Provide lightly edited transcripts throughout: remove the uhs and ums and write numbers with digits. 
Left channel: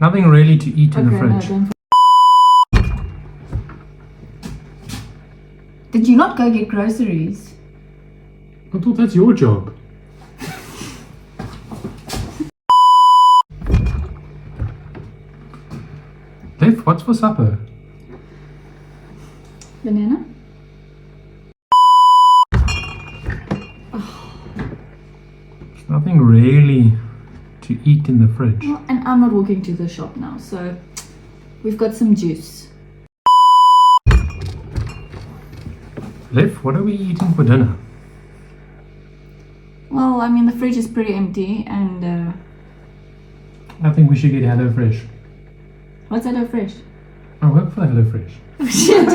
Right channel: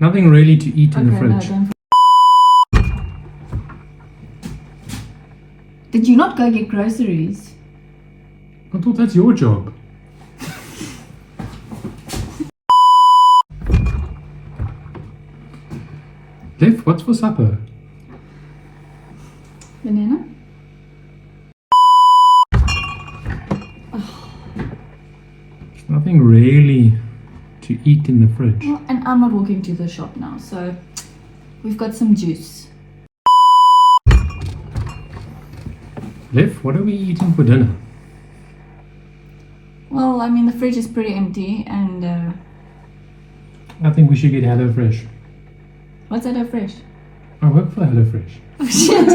Nothing really to eat in the fridge. No, did you not go get groceries? I thought that's your job. Liv, what's for supper? Banana? There's nothing really to eat in the fridge. Well, and I'm not walking to the shop now, so we've got some juice. Liv, what are we eating for dinner? Well, I mean, the fridge is pretty empty, and I think we should get HelloFresh. what's HelloFresh? I work for HelloFresh. Oh, shit.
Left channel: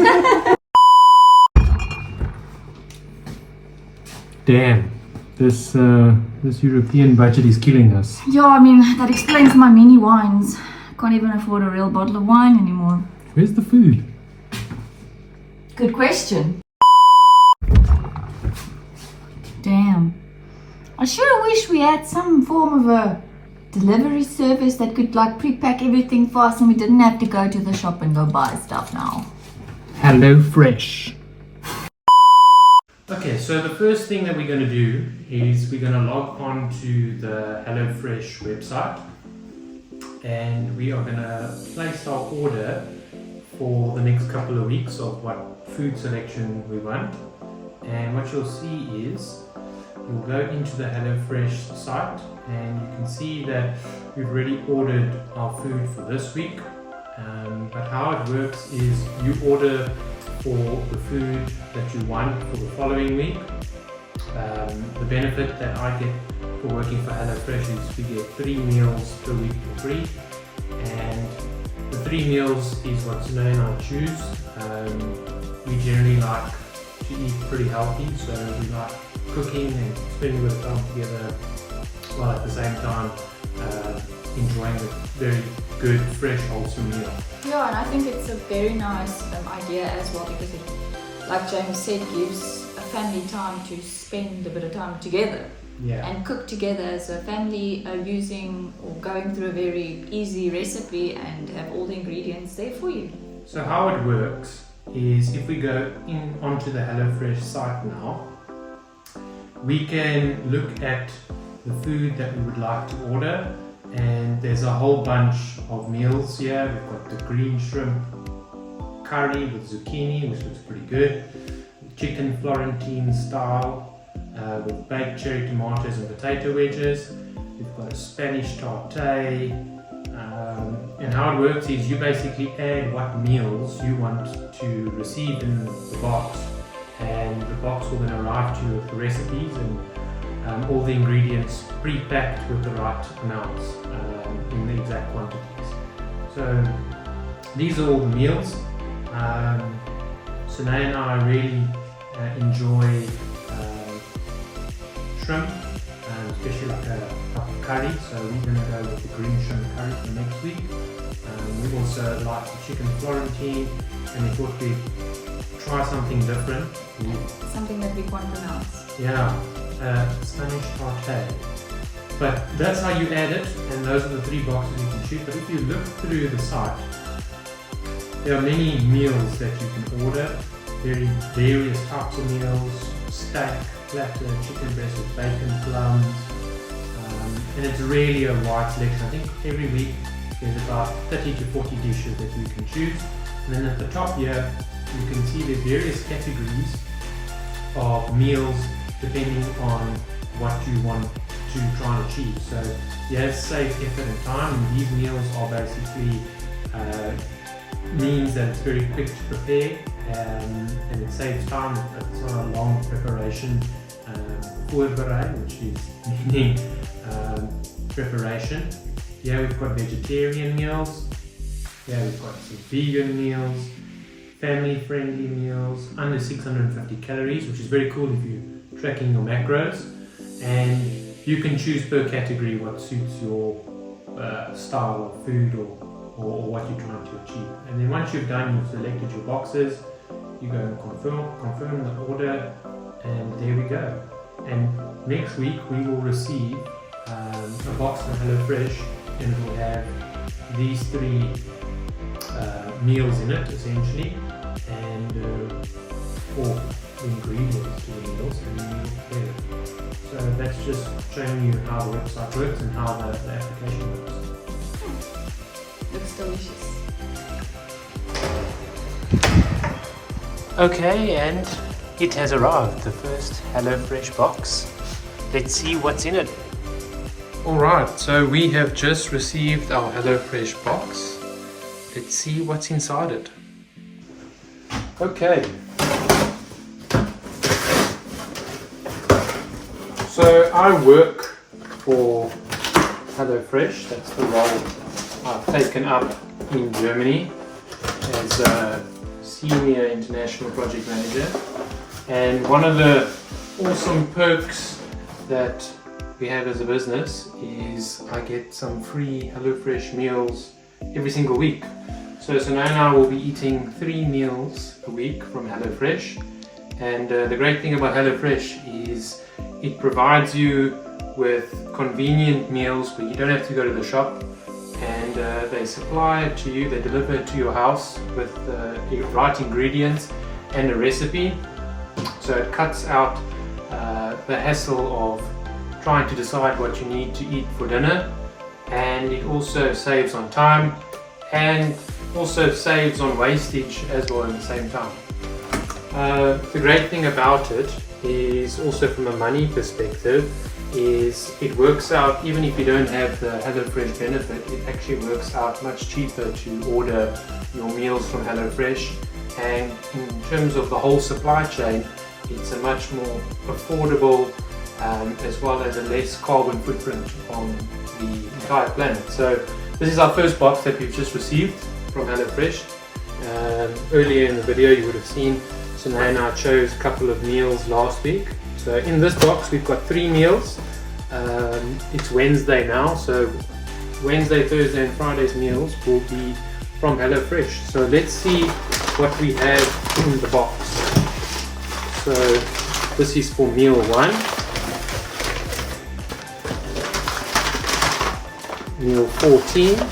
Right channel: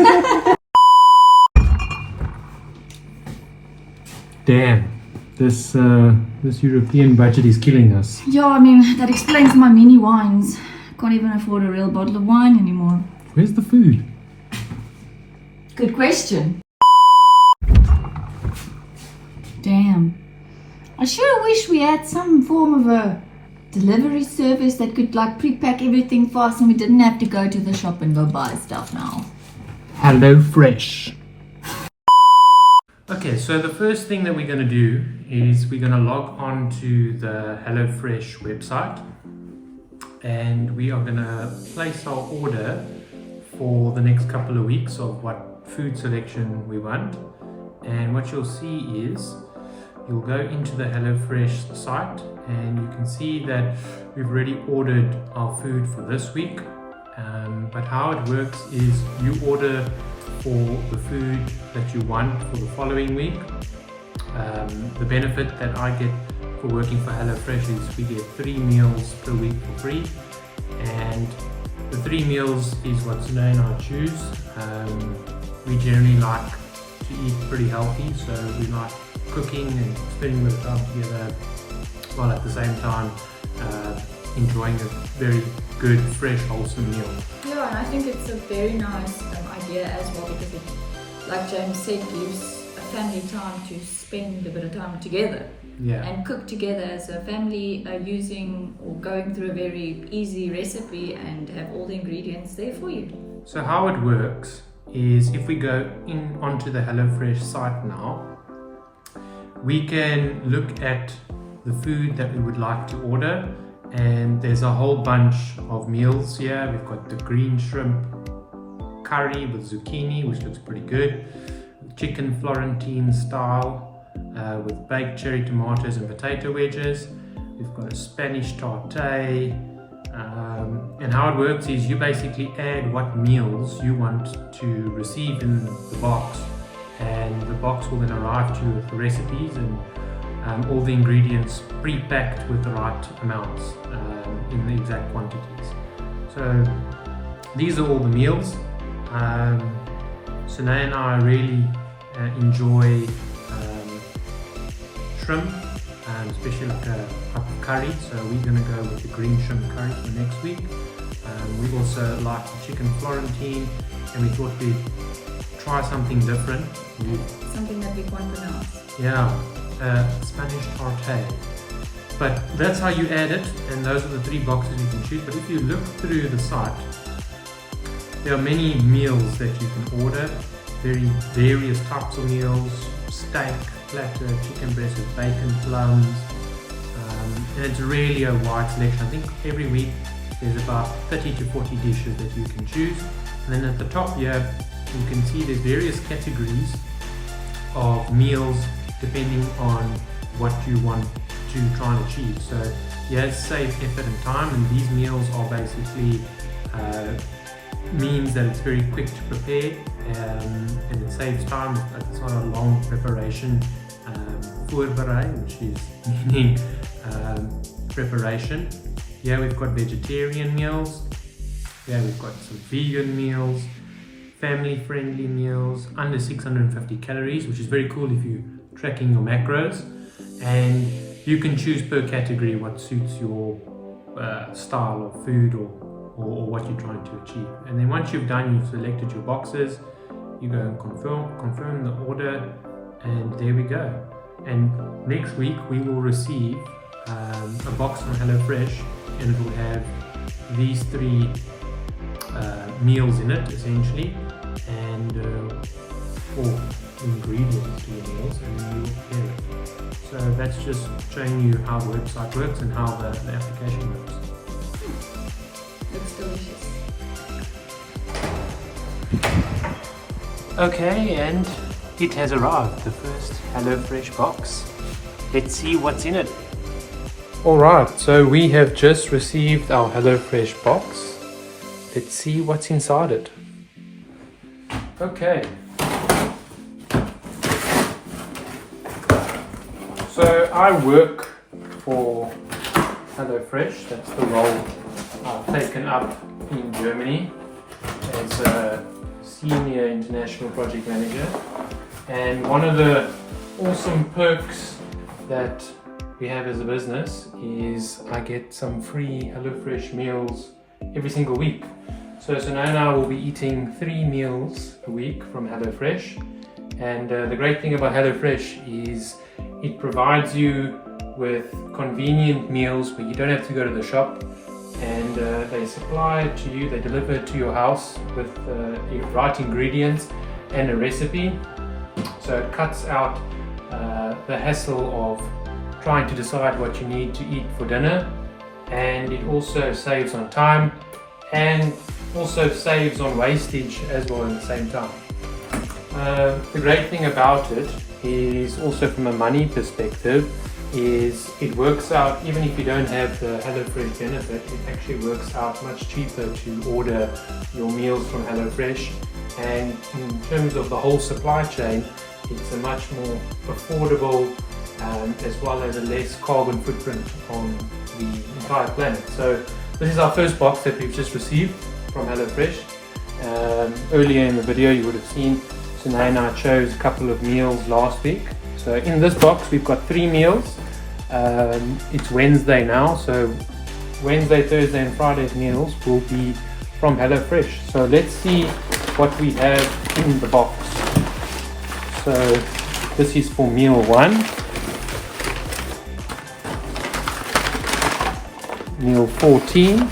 Damn, this European budget is killing us. Yeah, I mean, that explains my mini wines. Can't even afford a real bottle of wine anymore. Where's the food? Good question. Damn. I sure wish we had some form of a delivery service that could like pre-pack everything for us and we didn't have to go to the shop and go buy stuff now. HelloFresh. Okay, so the first thing that we're going to do is we're going to log on to the HelloFresh website and we are going to place our order for the next couple of weeks of what food selection we want. And what you'll see is you'll go into the HelloFresh site and you can see that we've already ordered our food for this week. But how it works is you order for the food that you want for the following week. The benefit that I get for working for HelloFresh is we get 3 meals per week for free, and the 3 meals is what Sunay and I choose. We generally like to eat pretty healthy, so we like cooking and spending a bit of time together while at the same time enjoying a very good, fresh, wholesome meal. Yeah, and I think it's a very nice idea as well because it, like James said, gives a family time to spend a bit of time together. Yeah. And cook together as a family, using or going through a very easy recipe and have all the ingredients there for you. So how it works is if we go in onto the HelloFresh site now, we can look at the food that we would like to order, and there's a whole bunch of meals here. We've got the green shrimp curry with zucchini, which looks pretty good, chicken Florentine style with baked cherry tomatoes and potato wedges. We've got a Spanish tartare, and how it works is you basically add what meals you want to receive in the box, and the box will then arrive to you with the recipes and all the ingredients pre-packed with the right amounts in the exact quantities. So these are all the meals. Sunay and I really enjoy shrimp, especially like a cup of curry, so we're going to go with the green shrimp curry for next week. We also like the chicken Florentine, and we thought we'd try something different. Something that we can't pronounce. Yeah, Spanish tartare. But that's how you add it, and those are the 3 boxes you can choose. But if you look through the site, there are many meals that you can order, various types of meals, steak, platter, chicken breast with bacon, plums, and it's really a wide selection. I think every week there's about 30 to 40 dishes that you can choose. And then at the top here, you can see there's various categories of meals depending on what you want to try and achieve. So yes, save effort and time, and these meals are basically means that it's very quick to prepare, and it saves time. It's not a long preparation, voorberei, which is meaning preparation. Yeah, we've got vegetarian meals. Yeah, we've got some vegan meals, family-friendly meals, under 650 calories, which is very cool if you're tracking your macros. And you can choose per category what suits your style of food or what you're trying to achieve. And then once you've selected your boxes, you go and confirm the order, and there we go. And next week we will receive a box from HelloFresh, and it will have these 3 meals in it essentially, and 4 ingredients to the meals, and then you prepare it. So that's just showing you how the website works and how the application works. Looks delicious. Okay, and it has arrived, the first HelloFresh box. Let's see what's in it. Alright, so we have just received our HelloFresh box. Let's see what's inside it. Okay. So I work for HelloFresh. That's the role I've taken up in Germany as a senior international project manager. And one of the awesome perks that we have as a business is I get some free HelloFresh meals every single week. So Sunay and I will be eating 3 meals a week from HelloFresh. And the great thing about HelloFresh is it provides you with convenient meals where you don't have to go to the shop, and they supply it to you, they deliver it to your house with the right ingredients and a recipe. So it cuts out the hassle of trying to decide what you need to eat for dinner, and it also saves on time and also saves on wastage as well at the same time. The great thing about it is also from a money perspective is it works out, even if you don't have the HelloFresh benefit, it actually works out much cheaper to order your meals from HelloFresh, and in terms of the whole supply chain it's a much more affordable as well as a less carbon footprint on the entire planet. So this is our first box that we've just received from HelloFresh. Earlier in the video you would have seen Sunay and I chose a couple of meals last week. So in this box we've got 3 meals. It's Wednesday now, so Wednesday, Thursday and Friday's meals will be from HelloFresh. So let's see what we have in the box. So this is for meal 1, meal 14,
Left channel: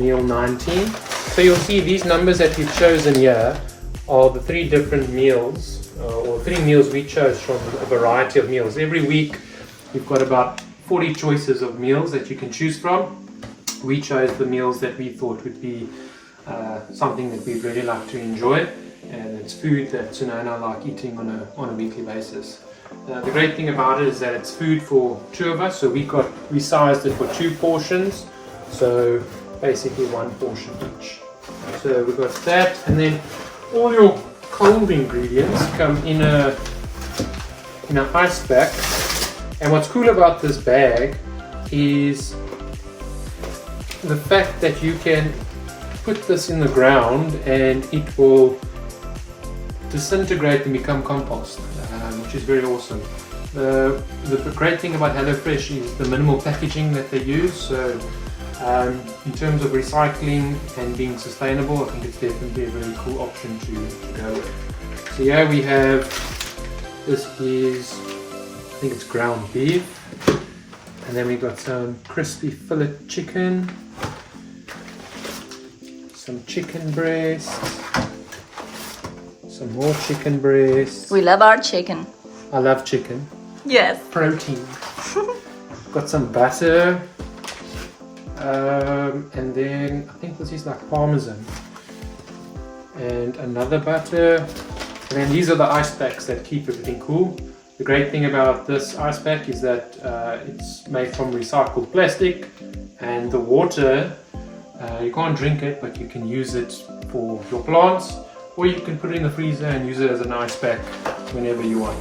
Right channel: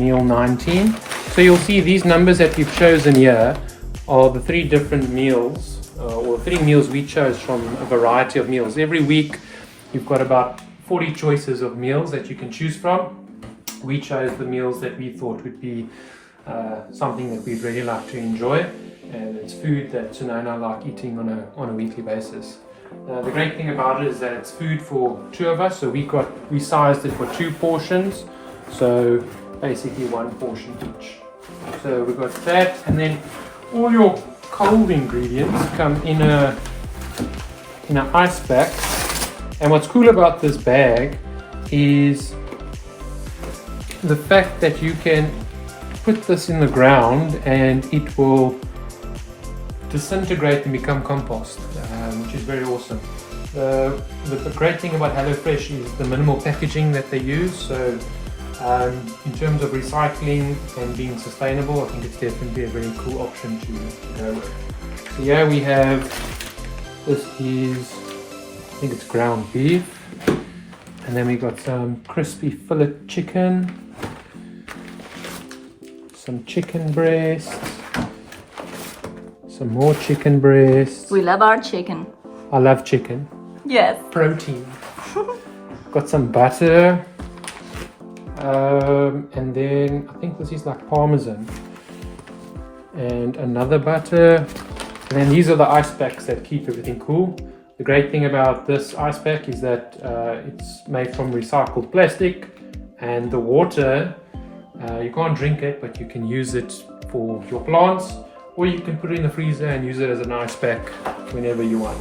meal 19. So you'll see these numbers that we've chosen here are the 3 different meals, or 3 meals we chose from a variety of meals. Every week you've got about 40 choices of meals that you can choose from. We chose the meals that we thought would be something that we'd really like to enjoy, and it's food that Sunay and I like eating on a weekly basis. The great thing about it is that it's food for 2 of us, so we sized it for 2 portions, so basically 1 portion each. So we've got that, and then all your cold ingredients come in an ice pack. And what's cool about this bag is the fact that you can put this in the ground and it will disintegrate and become compost, which is very awesome. The great thing about HelloFresh is the minimal packaging that they use. So in terms of recycling and being sustainable, I think it's definitely a very cool option to go with. So here we have, this is, I think it's ground beef, and then we got some crispy fillet chicken, some chicken breast, some more chicken breast. We love our chicken. I love chicken. Yes. Protein. Got some butter, and then I think this is like parmesan, and another butter. And then these are the ice packs that keep everything cool. The great thing about this ice pack is that it's made from recycled plastic, and the water, you can't drink it, but you can use it for your plants, or you can put it in the freezer and use it as an ice pack whenever you want.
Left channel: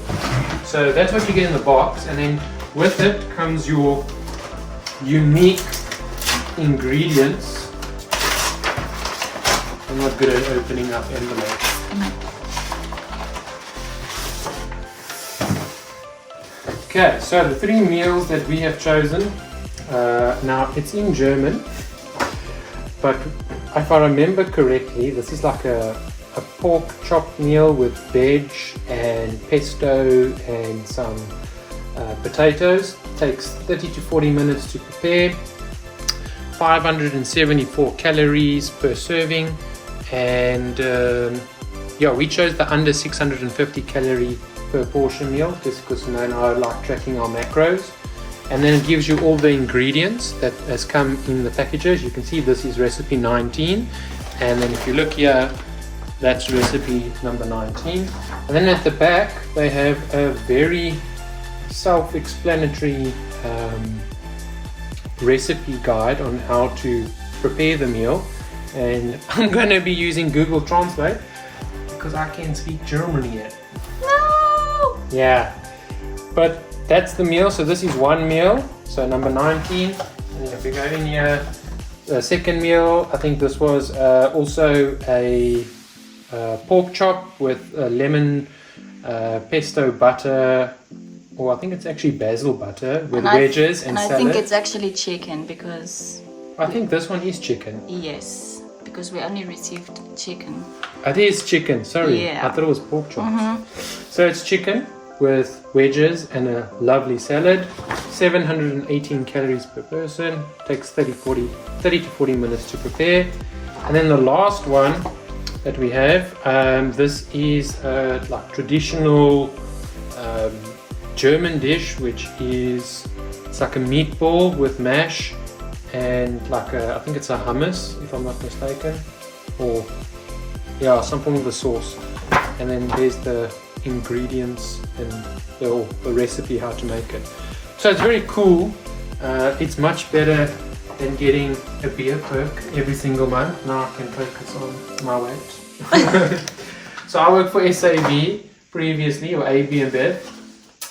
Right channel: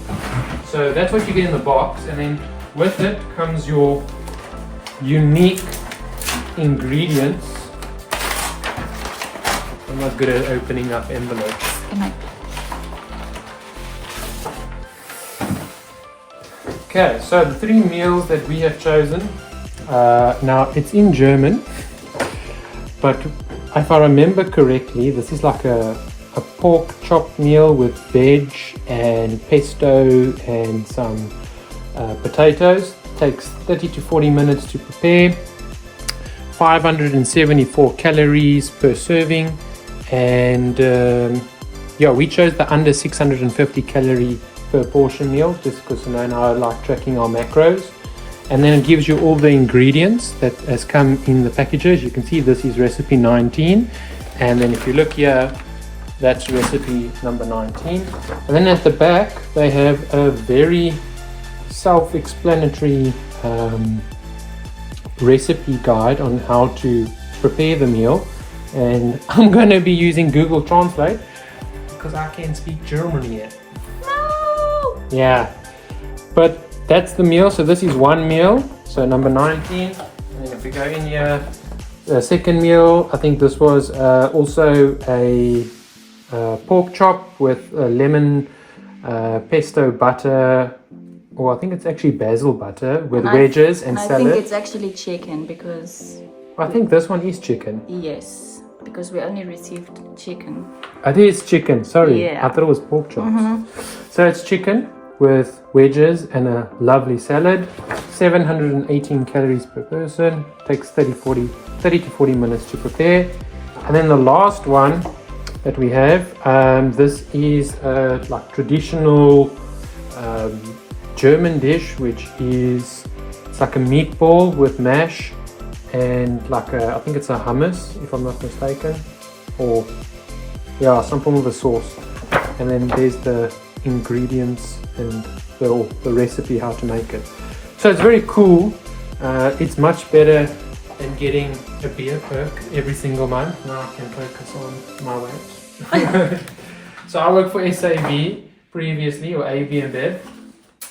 So that's what you get in the box, and then with it comes your unique ingredients. I'm not good at opening up envelopes. Okay, so the 3 meals that we have chosen, now it's in German, but if I remember correctly, this is like a pork chop meal with veg and pesto and some potatoes. Takes 30 to 40 minutes to prepare. 574 calories per serving, and yeah, we chose the under 650 calorie per portion meal just because Nana and I like tracking our macros. And then it gives you all the ingredients that has come in the packages. You can see this is recipe 19, and then if you look here, that's recipe number 19. And then at the back they have a very self-explanatory recipe guide on how to prepare the meal, and I'm going to be using Google Translate because I can't speak German yet. No! Yeah, but that's the meal. So this is one meal, so number 19. And then if you go in here, the second meal, I think this was also a pork chop with lemon pesto butter, or I think it's actually basil butter with wedges and salad. I think it's actually chicken because... I think this one is chicken. Yes, because we only received chicken. It is chicken, sorry. Yeah. I thought it was pork chops. So it's chicken with wedges and a lovely salad. 718 calories per person. Takes 30 to 40 minutes to prepare. And then the last one that we have, this is like traditional German dish, which is, it's like a meatball with mash and like I think it's a hummus, if I'm not mistaken, or yeah, some form of a sauce. And then there's the ingredients and the recipe how to make it. So it's very cool. It's much better than getting a beer perk every single month. Now I can focus on my weight. So I worked for SAB previously, or AB and Bev,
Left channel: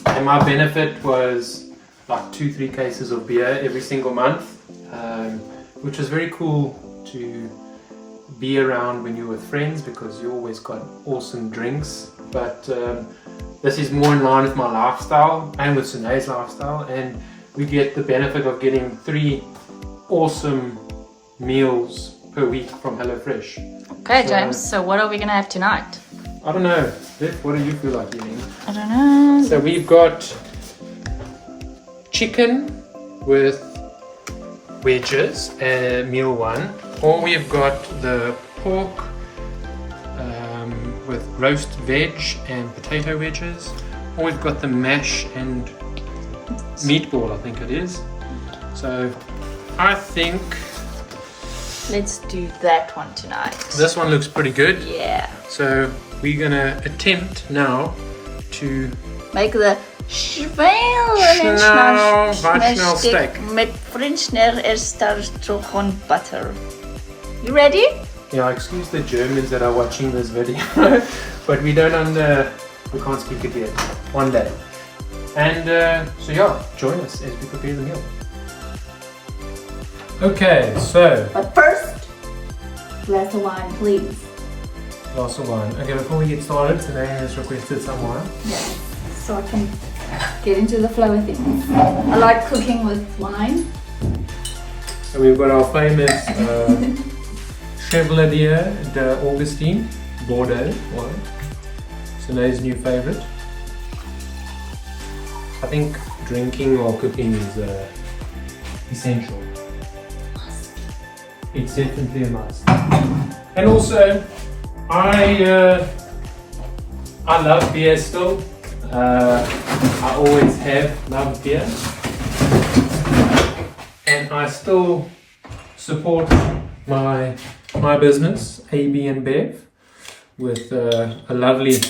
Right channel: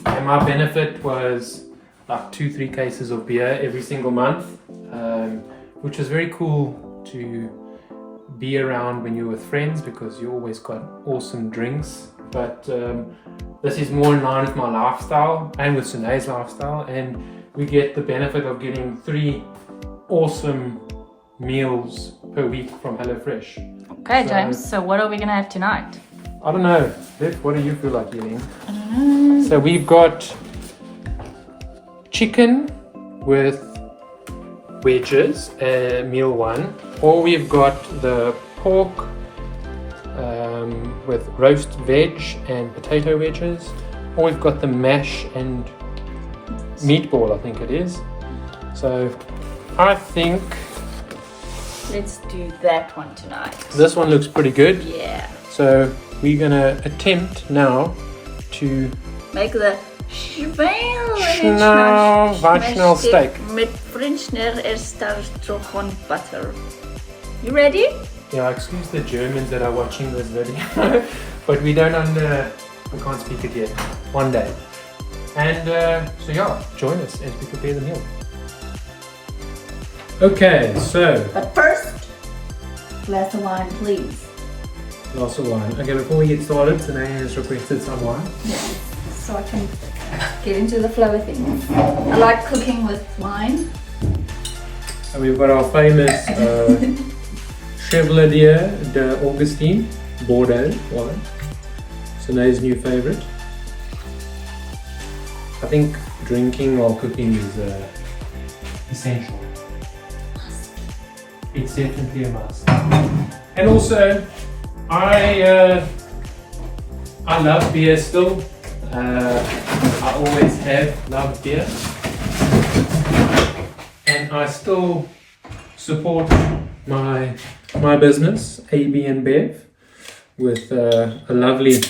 and my benefit was like 2-3 cases of beer every single month, which was very cool to be around when you're with friends because you always got awesome drinks. But this is more in line with my lifestyle and with Sune's lifestyle, and we get the benefit of getting 3 awesome meals per week from HelloFresh. Okay, James, so what are we gonna have tonight? I don't know. Viv, what do you feel like eating? I don't know. So we've got chicken with wedges, meal 1, or we've got the pork with roast veg and potato wedges, or we've got the mash and meatball, I think it is. So I think Let's do that one tonight. this one looks pretty good. Yeah. So we're gonna attempt now to Make the Weichsnell steak met Frenchner Erstartrogon butter. You ready? Yeah, excuse the Germans that are watching this video, but we can't speak it yet. One day. And so yeah, join us as we prepare the meal. Okay, so But first, glass of wine, please. glass of wine. Okay, before we get started, Sine has requested some wine. Yes, so I can get into the flow of things. I like cooking with wine. So we've got our famous Chevalier de Augustine Bordeaux wine. Sine's new favorite. I think drinking while cooking is essential. It's definitely a must. And also, I love beer still. I always have loved beer, and I still support my business, AB and Bev, with a lovely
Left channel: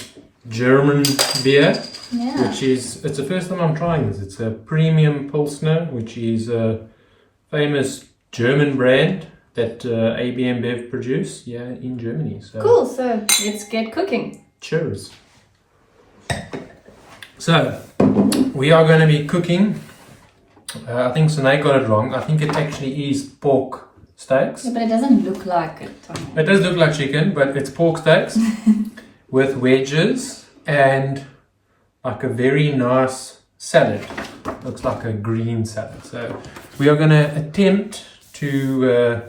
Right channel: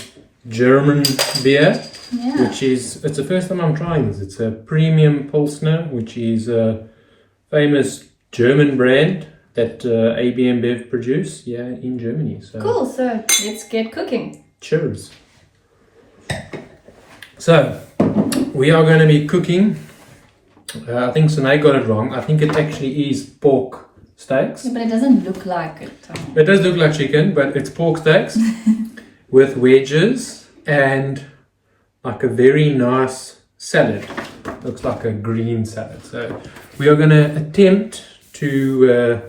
German beer. Yeah. It's the first time I'm trying this. It's a premium Pilsner, which is a famous German brand that AB and Bev produce here in Germany. So Cool, so let's get cooking. cheers. So we are going to be cooking. I think Sine got it wrong. I think it actually is pork steaks. Yeah, but it doesn't look like it. It does look like chicken, but it's pork steaks with wedges and like a very nice salad. Looks like a green salad. So we are going to attempt to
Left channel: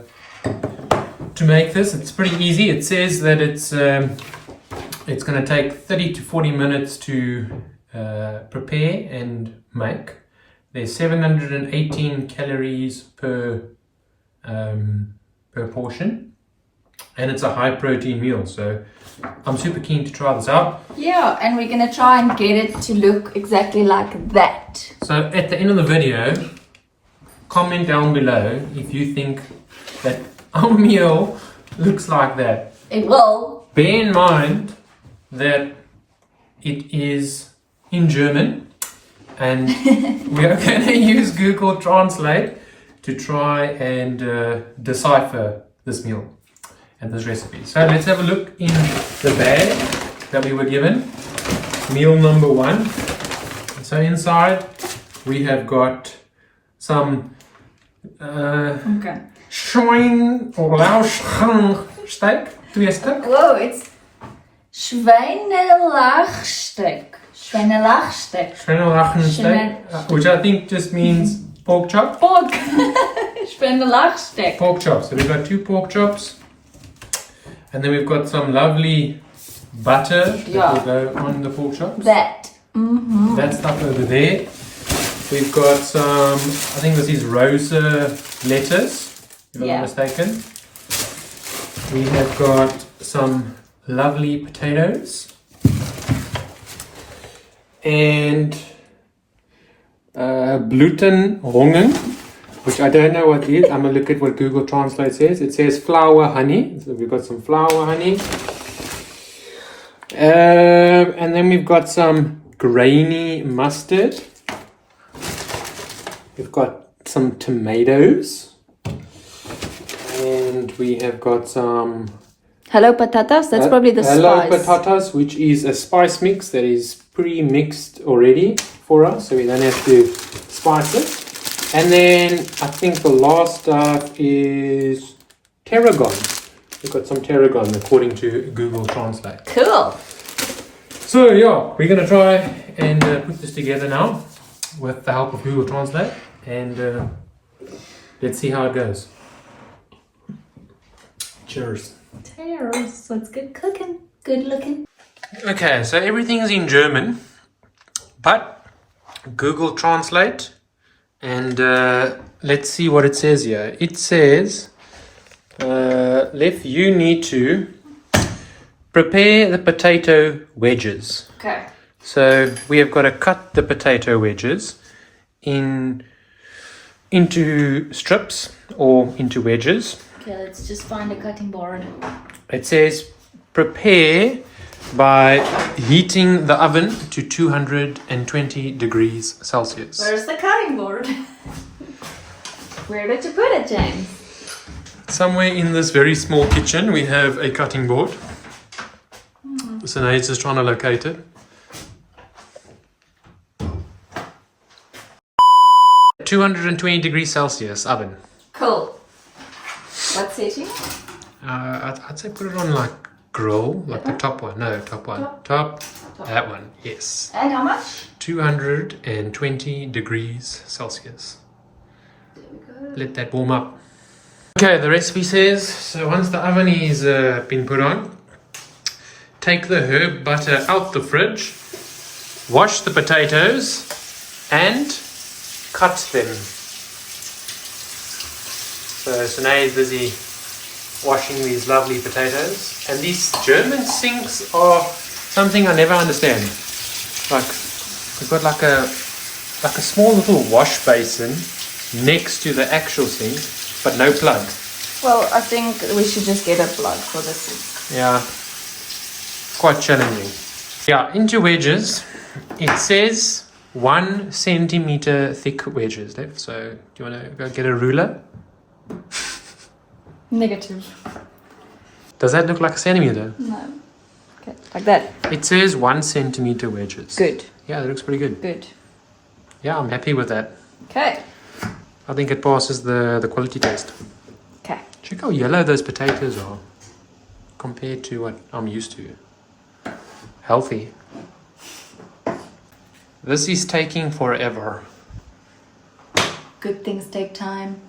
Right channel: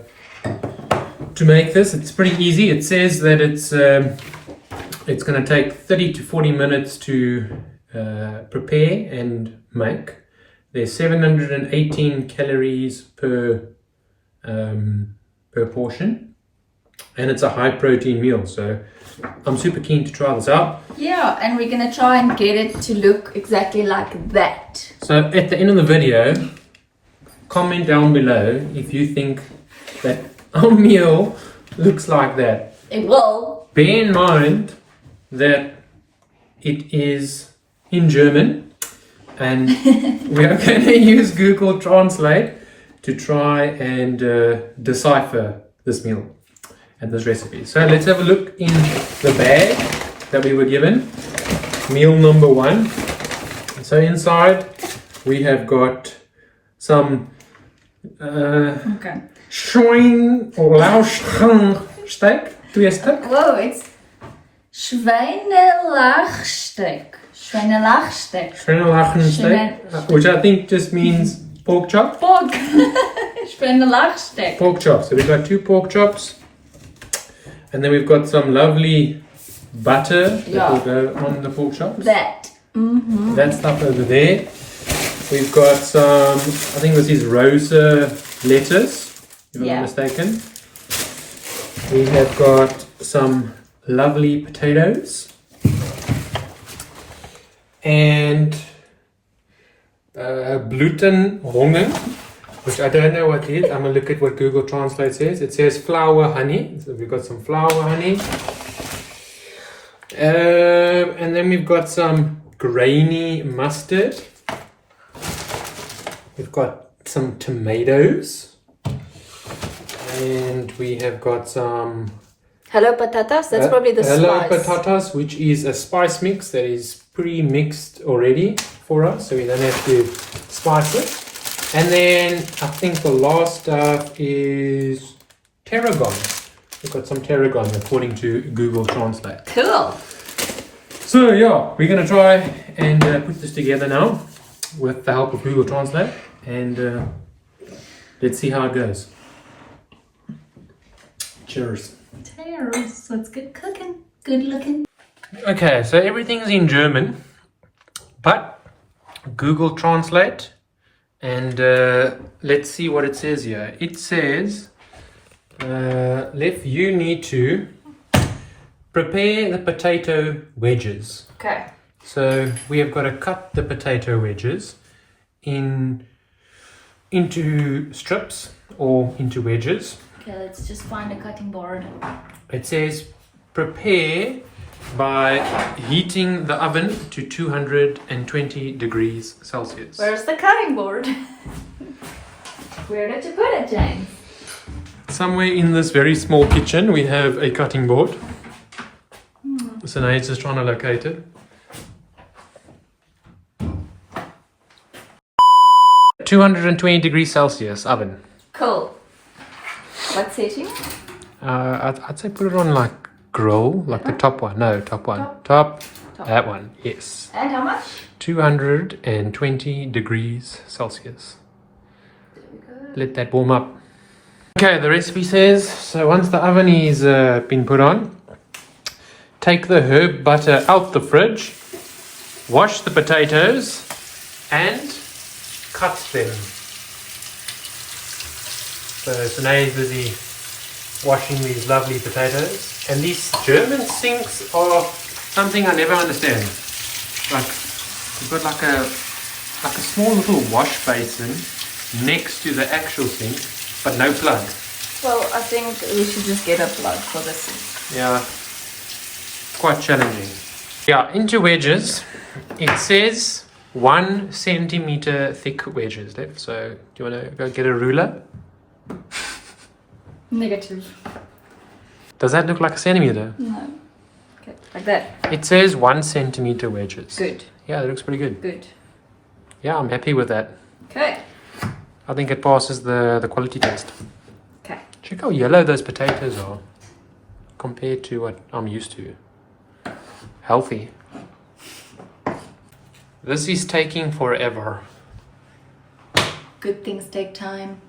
make this. It's pretty easy. It says that it's It's going to take 30 to 40 minutes to prepare and make. There's 718 calories per portion, and it's a high protein meal, so I'm super keen to try this out. Yeah, and we're gonna try and get it to look exactly like that. So at the end of the video, comment down below if you think that our meal looks like that. It will. Bear in mind that it is in German, and we are going to use Google Translate to try and decipher this meal and this recipe. So let's have a look in the bag that we were given. Meal number 1. So inside we have got some Schwein or Lauschsteak. Whoa, it's Schweinelachsteak. Schweinelachensteak, which I think just means pork chop. Pork. Schweinelachsteak. Pork chops. So we've got 2 pork chops. And then we've got some lovely butter that will go on the pork chops. That stuff over there. We've got some, I think this is rosa lettuce, if I'm not mistaken. We have got some lovely potatoes. And Blutenrungen, which I don't know what it is. I'm going to look at what Google Translate says. It says flour honey. So we've got some flour honey. And then we've got some grainy mustard. We've got some tomatoes. And we have got some... Hello patatas, that's probably the Hello spice. patatas, which is a spice mix that is pre-mixed already for us. So we don't have to spice it. And then I think the last stuff is tarragon. We've got some tarragon according to Google Translate. Cool. So yeah, we're going to try and put this together now with the help of Google Translate. And let's see how it goes. Cheers. Cheers. So it's good cooking. Good looking. Okay, so everything is in German, but Google Translate, and let's see what it says here. It says, you need to prepare the potato wedges. Okay. So we have got to cut the potato wedges into strips or into wedges. Okay, let's just find a cutting board. It says prepare by heating the oven to 220 degrees Celsius. Where's the cutting board? Where did you put it, James? Somewhere in this very small kitchen we have a cutting board. So now it's just trying to locate it. (220 degrees Celsius oven. Cool. What setting? I'd say put it on like grill, like the top one. No, top one. Top. That one, yes. And how much? 220 degrees Celsius. Let that warm up. Okay, the recipe says, so once the oven is been put on, take the herb butter out the fridge, wash the potatoes, and cut them. So Sinead is busy washing these lovely potatoes. And these German sinks are something I never understand. Like, you've got like a small little wash basin next to the actual sink, but no plug. Well, I think we should just get a plug for the sink. Yeah, quite challenging. Yeah, into wedges, it says 1 centimeter thick wedges left. So do you want to go get a ruler? Negative. Does that look like a centimeter? No. Okay, like that. It says 1 centimeter wedges. Good. Yeah, that looks pretty good. Good. Yeah, I'm happy with that. Okay. I think it passes the quality test. Okay. Check how yellow those potatoes are compared to what I'm used to. Healthy. This is taking forever. Good things take time.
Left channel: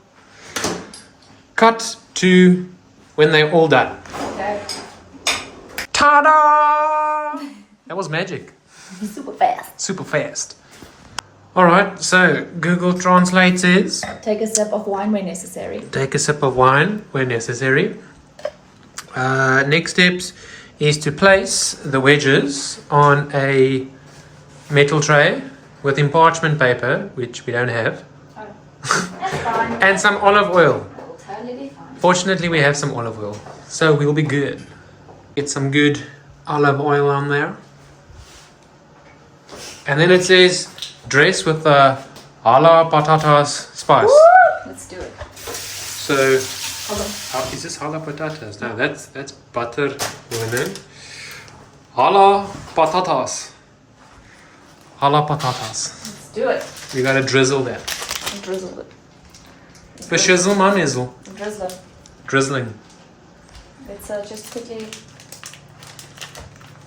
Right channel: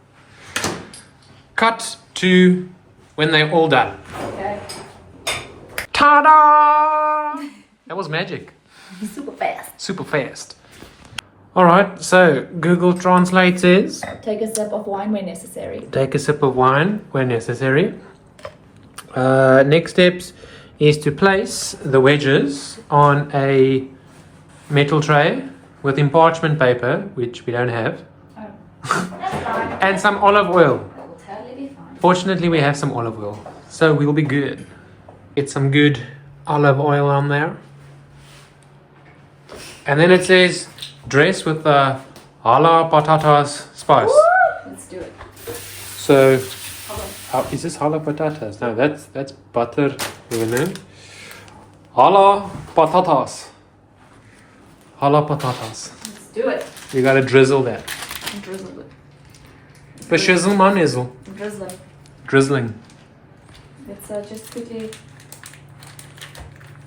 Cut to when they're all done. Okay. Ta-da! That was magic. Super fast. Super fast. Alright, so Google Translate says, Take a sip of wine when necessary. take a sip of wine when necessary. Next steps is to place the wedges on a metal tray with parchment paper, which we don't have, and some olive oil. Totally fine. Fortunately, we have some olive oil, so we'll be good. Get some good olive oil on there. And then it says, dress with the hala patatas spice. Let's do it. So, is this hala patatas? No, that's butter. You know? Hala patatas. Hala patatas. Let's do it. You gotta drizzle that. Drizzle it. Beshizzle my nizzle. Drizzle it. Drizzling. Let's just quickly...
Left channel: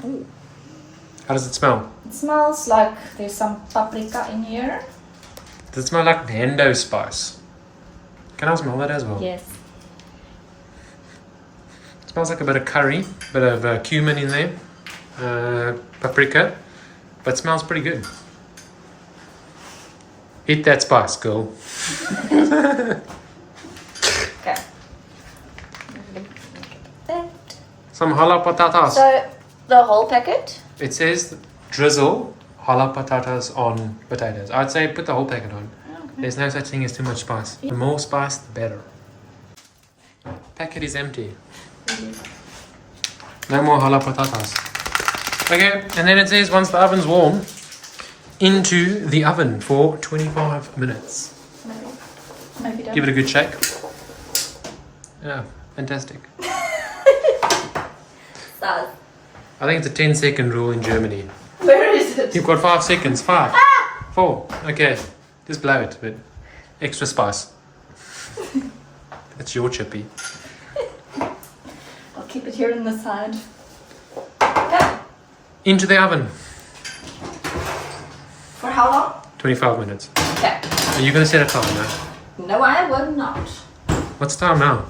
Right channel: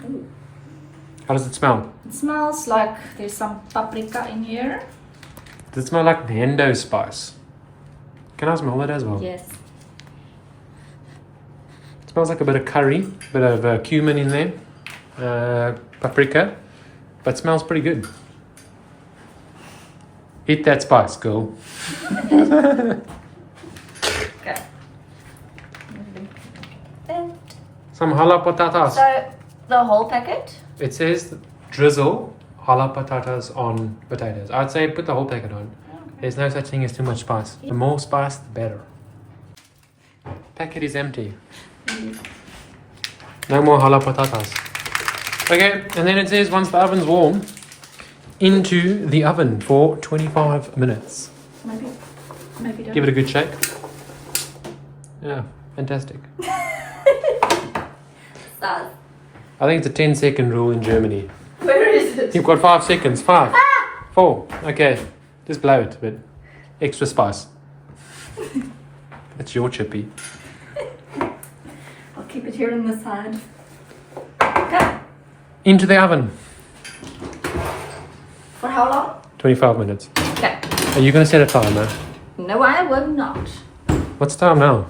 Ooh. How does it smell? It smells like there's some paprika in here. Does it smell like Nando spice? Can I smell that as well? Yes. It smells like a bit of curry, a bit of cumin in there, paprika, but smells pretty good. Eat that spice, girl. Okay. Some hala patatas. So, the whole packet? It says drizzle hala patatas on potatoes. I'd say put the whole packet on. There's no such thing as too much spice. The more spice, the better. Packet is empty. No more hala patatas. Okay, and then it says once the oven's warm, into the oven for 25 minutes. Maybe. Maybe don't. Give it a good shake. Yeah, fantastic. Stars. I think it's a 10-second rule in Germany. Where is it? You've got 5 seconds. 5, 4. Okay, just blow it, but extra spice. That's your chippy. I'll keep it here on the side. Okay. Into the oven. For how long? 25 minutes. Okay. Are you going to set a timer? No, I will not. What's the time now?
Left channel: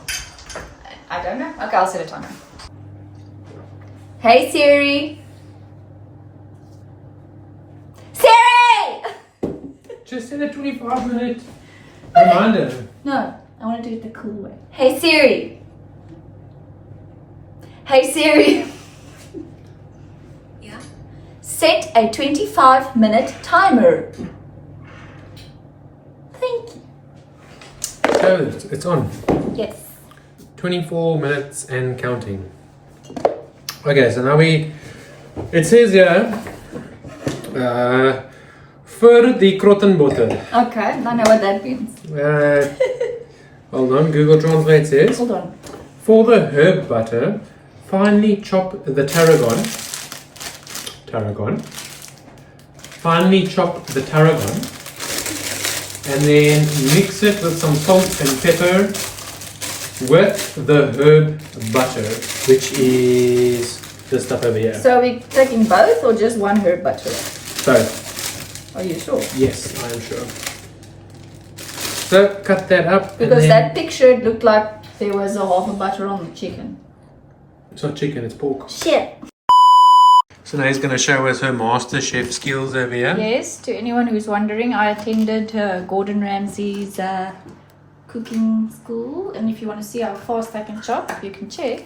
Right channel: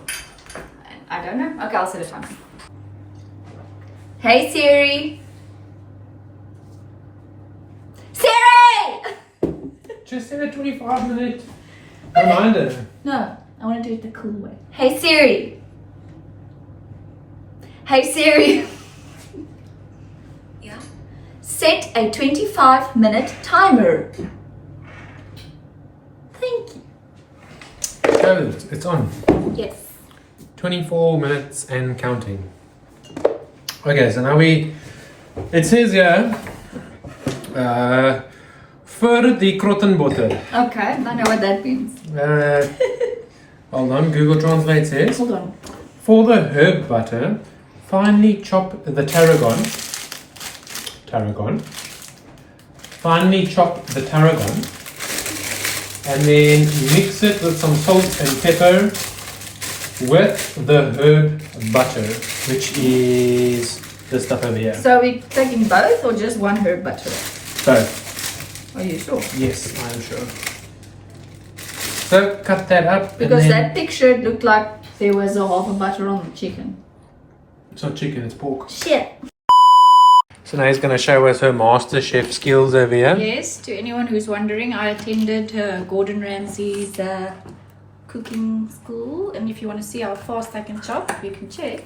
I don't know. Okay, I'll set a timer. Hey Siri. Siri! Just set a 25-minute reminder. No, I want to do it the cool way. Hey Siri. Hey Siri. Yeah. Set a 25-minute timer. Thank you. Oh, it's on. Yes. 24 minutes and counting. Okay, so now it says here, for the krottenbotter. Okay, I know what that means. Hold on, Google Translate says, Hold on. for the herb butter, finely chop the tarragon. Finely chop the tarragon. And then mix it with some salt and pepper with the herb butter, which is this stuff over here. So are we taking both or just one herb butter? Both. Are you sure? Yes, I am sure. So cut that up. Because and then, that picture looked like there was a half a butter on the chicken. it's not chicken, it's pork. Shit. So now he's going to show us her master chef skills over here. Yes, to anyone who's wondering, I attended Gordon Ramsay's cooking school. And if you want to see how fast I can chop, you can check.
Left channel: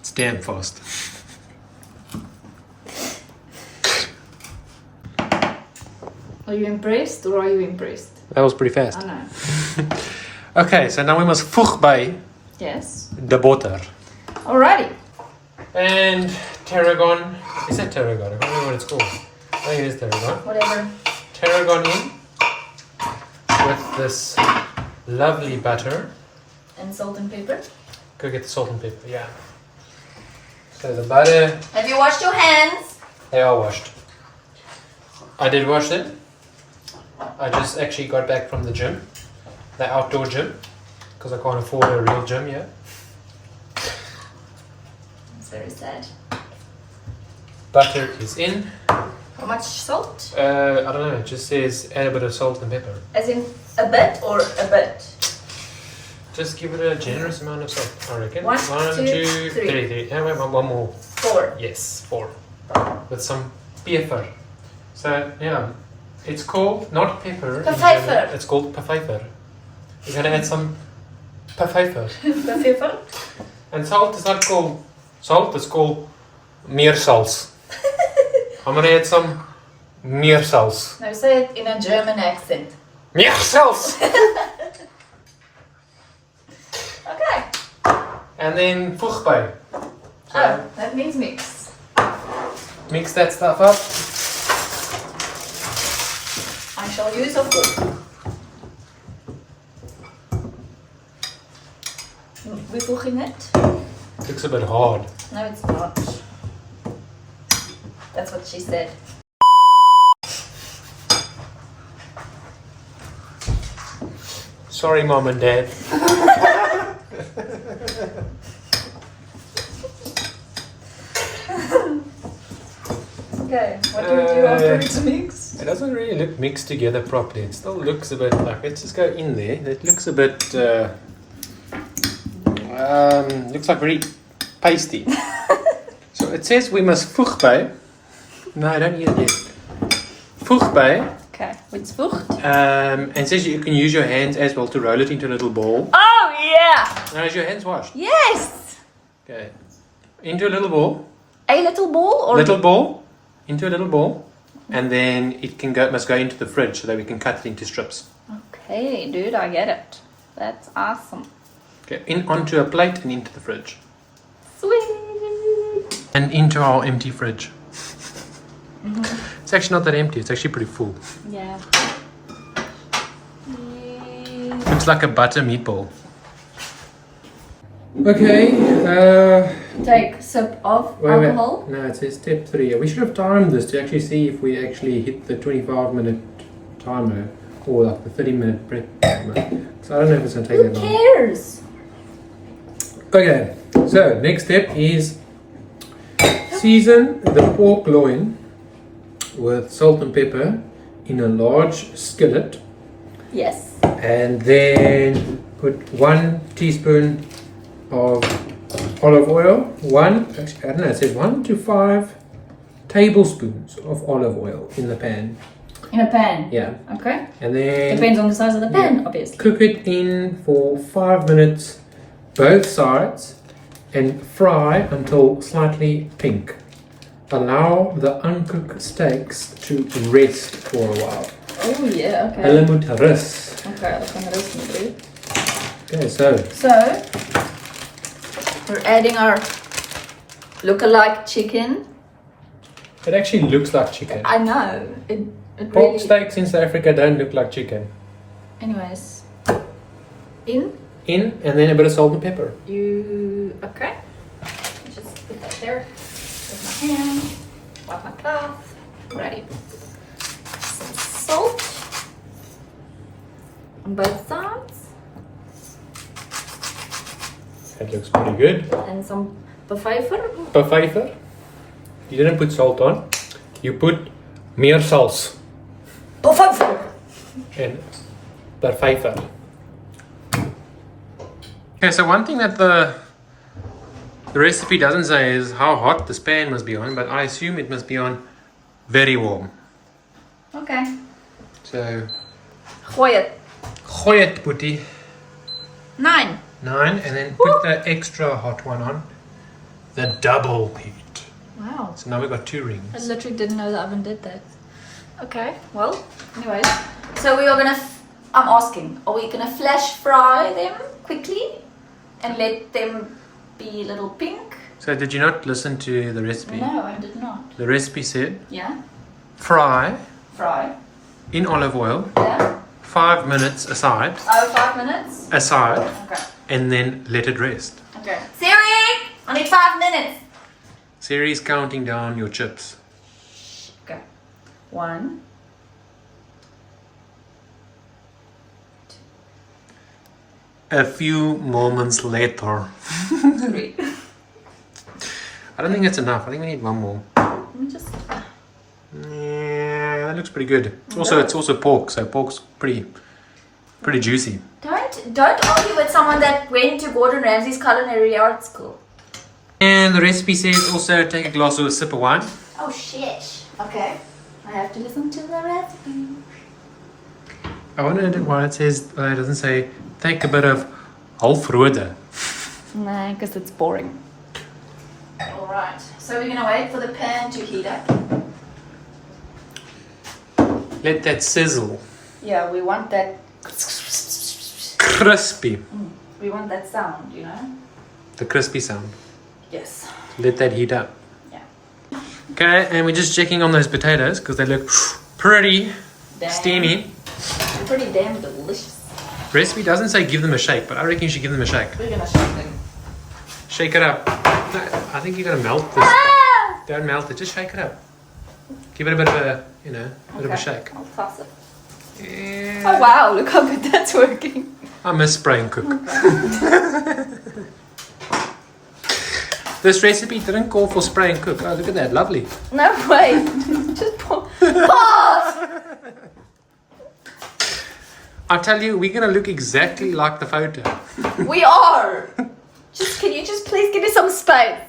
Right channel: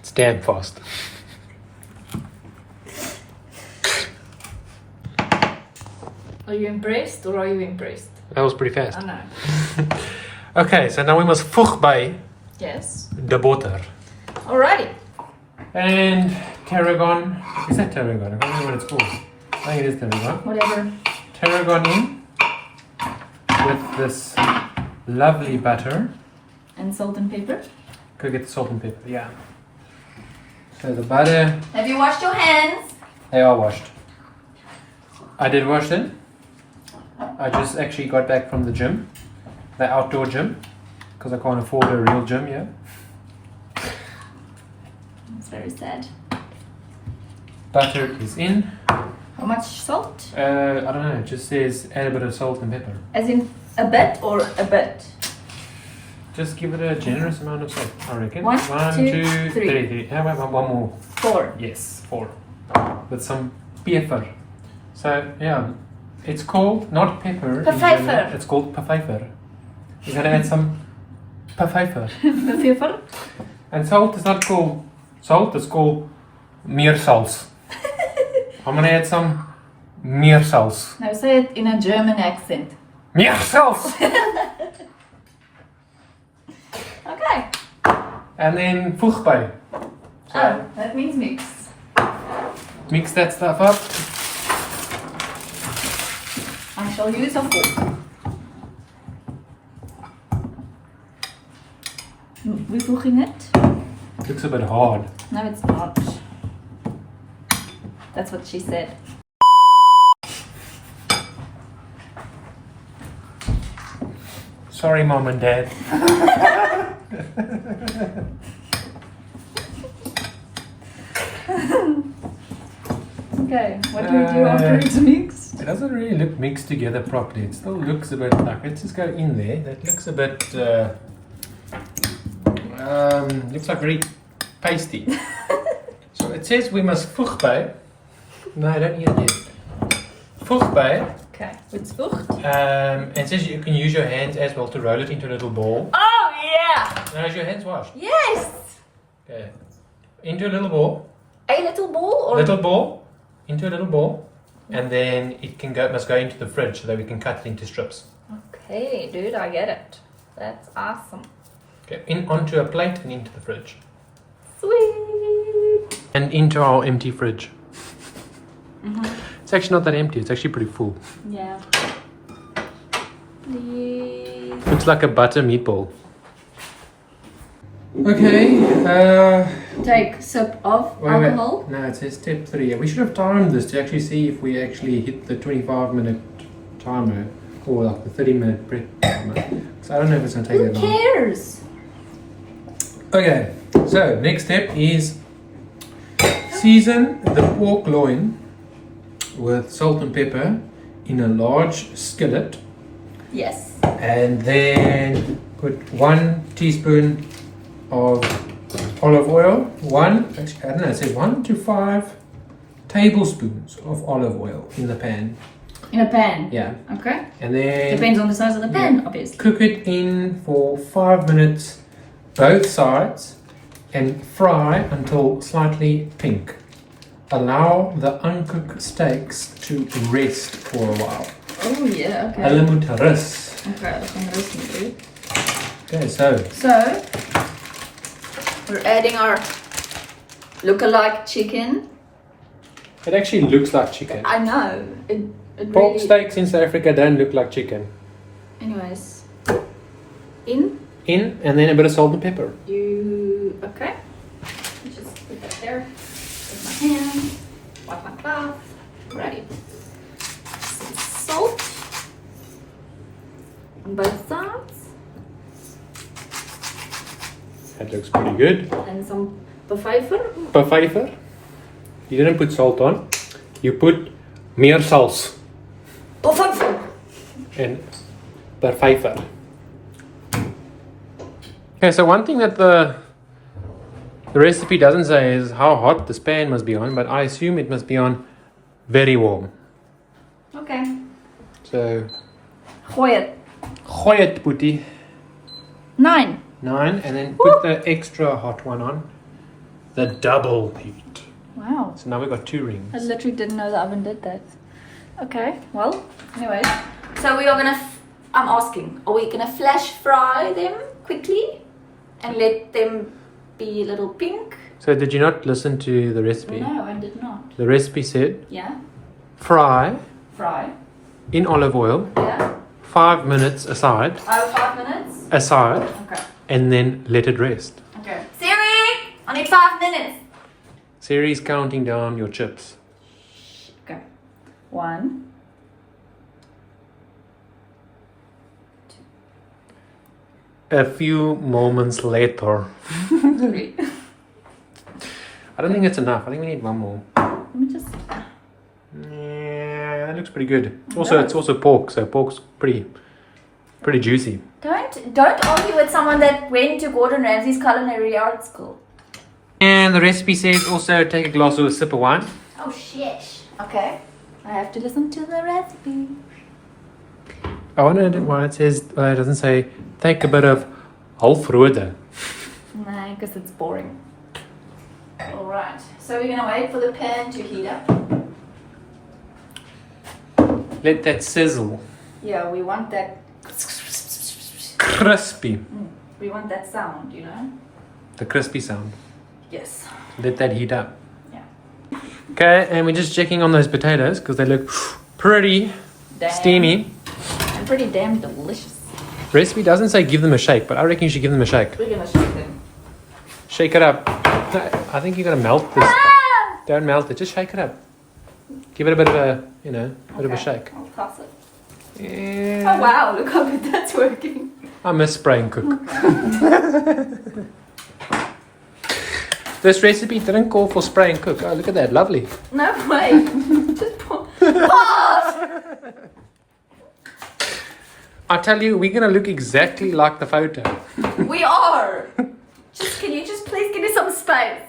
It's damn fast. Are you impressed or are you impressed? That was pretty fast. I know. Okay, so now we must voeg by Yes. the butter. Alrighty. And tarragon. Is that tarragon? I can't remember what it's called. I think it is tarragon. Whatever. Tarragon in with this lovely butter. And salt and pepper. Go get the salt and pepper, yeah. So the butter, Have you washed your hands? they are washed. I did wash them. I just actually got back from the gym, the outdoor gym, because I can't afford a real gym here. That's very sad. Butter is in. How much salt? I don't know, it just says add a bit of salt and pepper. As in a bit or a bit? Just give it a generous amount of salt, I reckon. One, two, two, three. three. How about one more? 4. Yes, 4. With some pepper. So, yeah, it's called not pepper. in Pfeffer. German, It's called pfeffer. We're going to add some pfeffer. Pfeffer? And salt is not called salt, it's called meersals. I'm going to add some meersals. No, say it in a German accent. Meersals! Okay. And then voeg Oh, that means mix. Mix that stuff up. I shall use a fork. We're cooking it? Looks a bit hard. No, it's not. That's what she said. Sorry, Mom and Dad. Okay, what do we do after it's mixed? It doesn't really look mixed together properly. It still looks a bit like, let's just go in there. It looks a bit, looks like very pasty. So it says we must voeg by. No, I don't hear it yet. Voeg by. Okay, it's voegt. And it says you can use your hands as well to roll it into a little ball. Oh, yeah! Now is your hands washed? Yes! Okay. Into a little ball. A little ball? Or Little ball. Into a little ball. And then it must go into the fridge so that we can cut it into strips. Okay, dude, I get it. That's awesome. Okay, onto a plate and into the fridge. Sweet! And into our empty fridge. It's actually not that empty, it's actually pretty full. Yeah. Looks like a butter meatball. Okay, Take sip of wait. alcohol. No, it says step 3. We should have timed this to actually see if we actually hit the 25-minute timer or like the 30-minute prep timer. So I don't know if it's going to take Who that long. cares? Okay, so next step is season the pork loin with salt and pepper in a large skillet, Yes. and then put 1 teaspoon of olive oil. Actually, I don't know, it says 1 to 5 tablespoons of olive oil in the pan. In a pan? Yeah, Okay. and then Depends on the size of the pan, obviously. cook it in for 5 minutes, both sides, and fry until slightly pink. Allow the uncooked steaks to rest for a while. Oh, yeah, okay. Hulle moet rus. Okay, dat kan rust niet doen. Okay, so So, we're adding our look-alike chicken. it actually looks like chicken. I know. It Pork really... steaks in South Africa don't look like chicken. Anyways. In. And then a bit of salt and pepper. Okay. Just put that there. With my hand. Wipe my cloth. Ready. Some salt. On both sides. That looks pretty good. And some pfeffer. Pfeffer. You didn't put salt on. You put meersals Pfeffer! and pfeffer. Okay, so one thing that the recipe doesn't say is how hot this pan must be on, but I assume it must be on very warm. Okay. So, Gooi het. gooi het, Boetie. 9. 9, and then put the extra hot one on. The double heat. Wow. So now we've got 2 I rings. literally didn't know the oven did that. Okay, well, anyways. So we are gonna, I'm asking, are we gonna flash fry them quickly and let them be a little pink? So did you not listen to the recipe? No, I did not. The recipe said Yeah, fry fry. in olive oil, Yeah. 5 minutes aside, 5 minutes. Okay. and then let it rest. Okay. Siri, I need 5 minutes. Siri's counting down your chips. Okay. 1. A few moments later. 3. I don't think it's enough. I think we need one more. Let me just. Yeah, that looks pretty good. It's also pork, so pork's pretty juicy. Don't argue with someone that went to Gordon Ramsay's culinary art school. And the recipe says also take a glass or a sip of wine. Oh shit. Okay. I have to listen to the recipe. I wonder why it says, it doesn't say take a bit of halfrode. No, because it's boring. Alright, so we're gonna wait for the pan to heat up. Let that sizzle. Yeah, we want that. Crispy. We want that sound, you know? The crispy sound. Yes. Let that heat up. Yeah. Okay, and we're just checking on those potatoes because they look pretty steamy. Pretty damn delicious. Recipe doesn't say give them a shake, but I reckon you should give them a shake. We're gonna shake them. Shake it up. I think you're gonna melt this. Don't melt it, just shake it up. Give it a bit of a, bit of a shake. I'll toss it. Oh wow, look how good that's working. I miss spray and cook. This recipe didn't call for spray and cook. Oh, look at that, lovely. No way. Just pour. Pause! I tell you, we're gonna look exactly like the photo. We are. Can you just please give me some space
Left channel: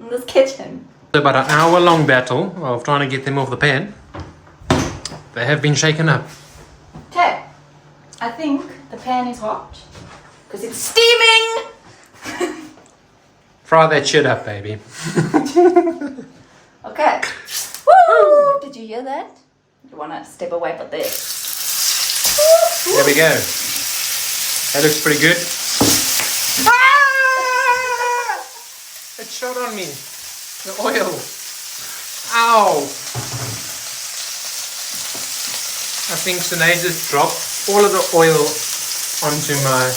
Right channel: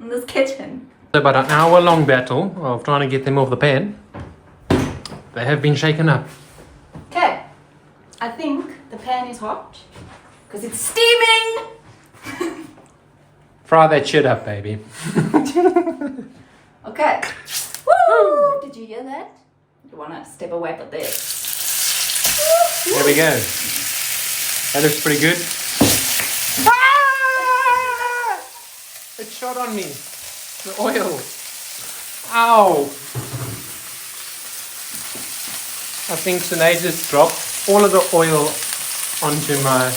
in this kitchen? About an hour-long battle of trying to get them off the pan. They have been shaken up. Okay. I think the pan is hot because it's steaming. Fry that shit up, baby. Okay. Woo! Did you hear that? You wanna step away from there? There we go. That looks pretty good. Ah! It shot on me. The oil. Ow. I think Sinead just dropped all of the oil onto my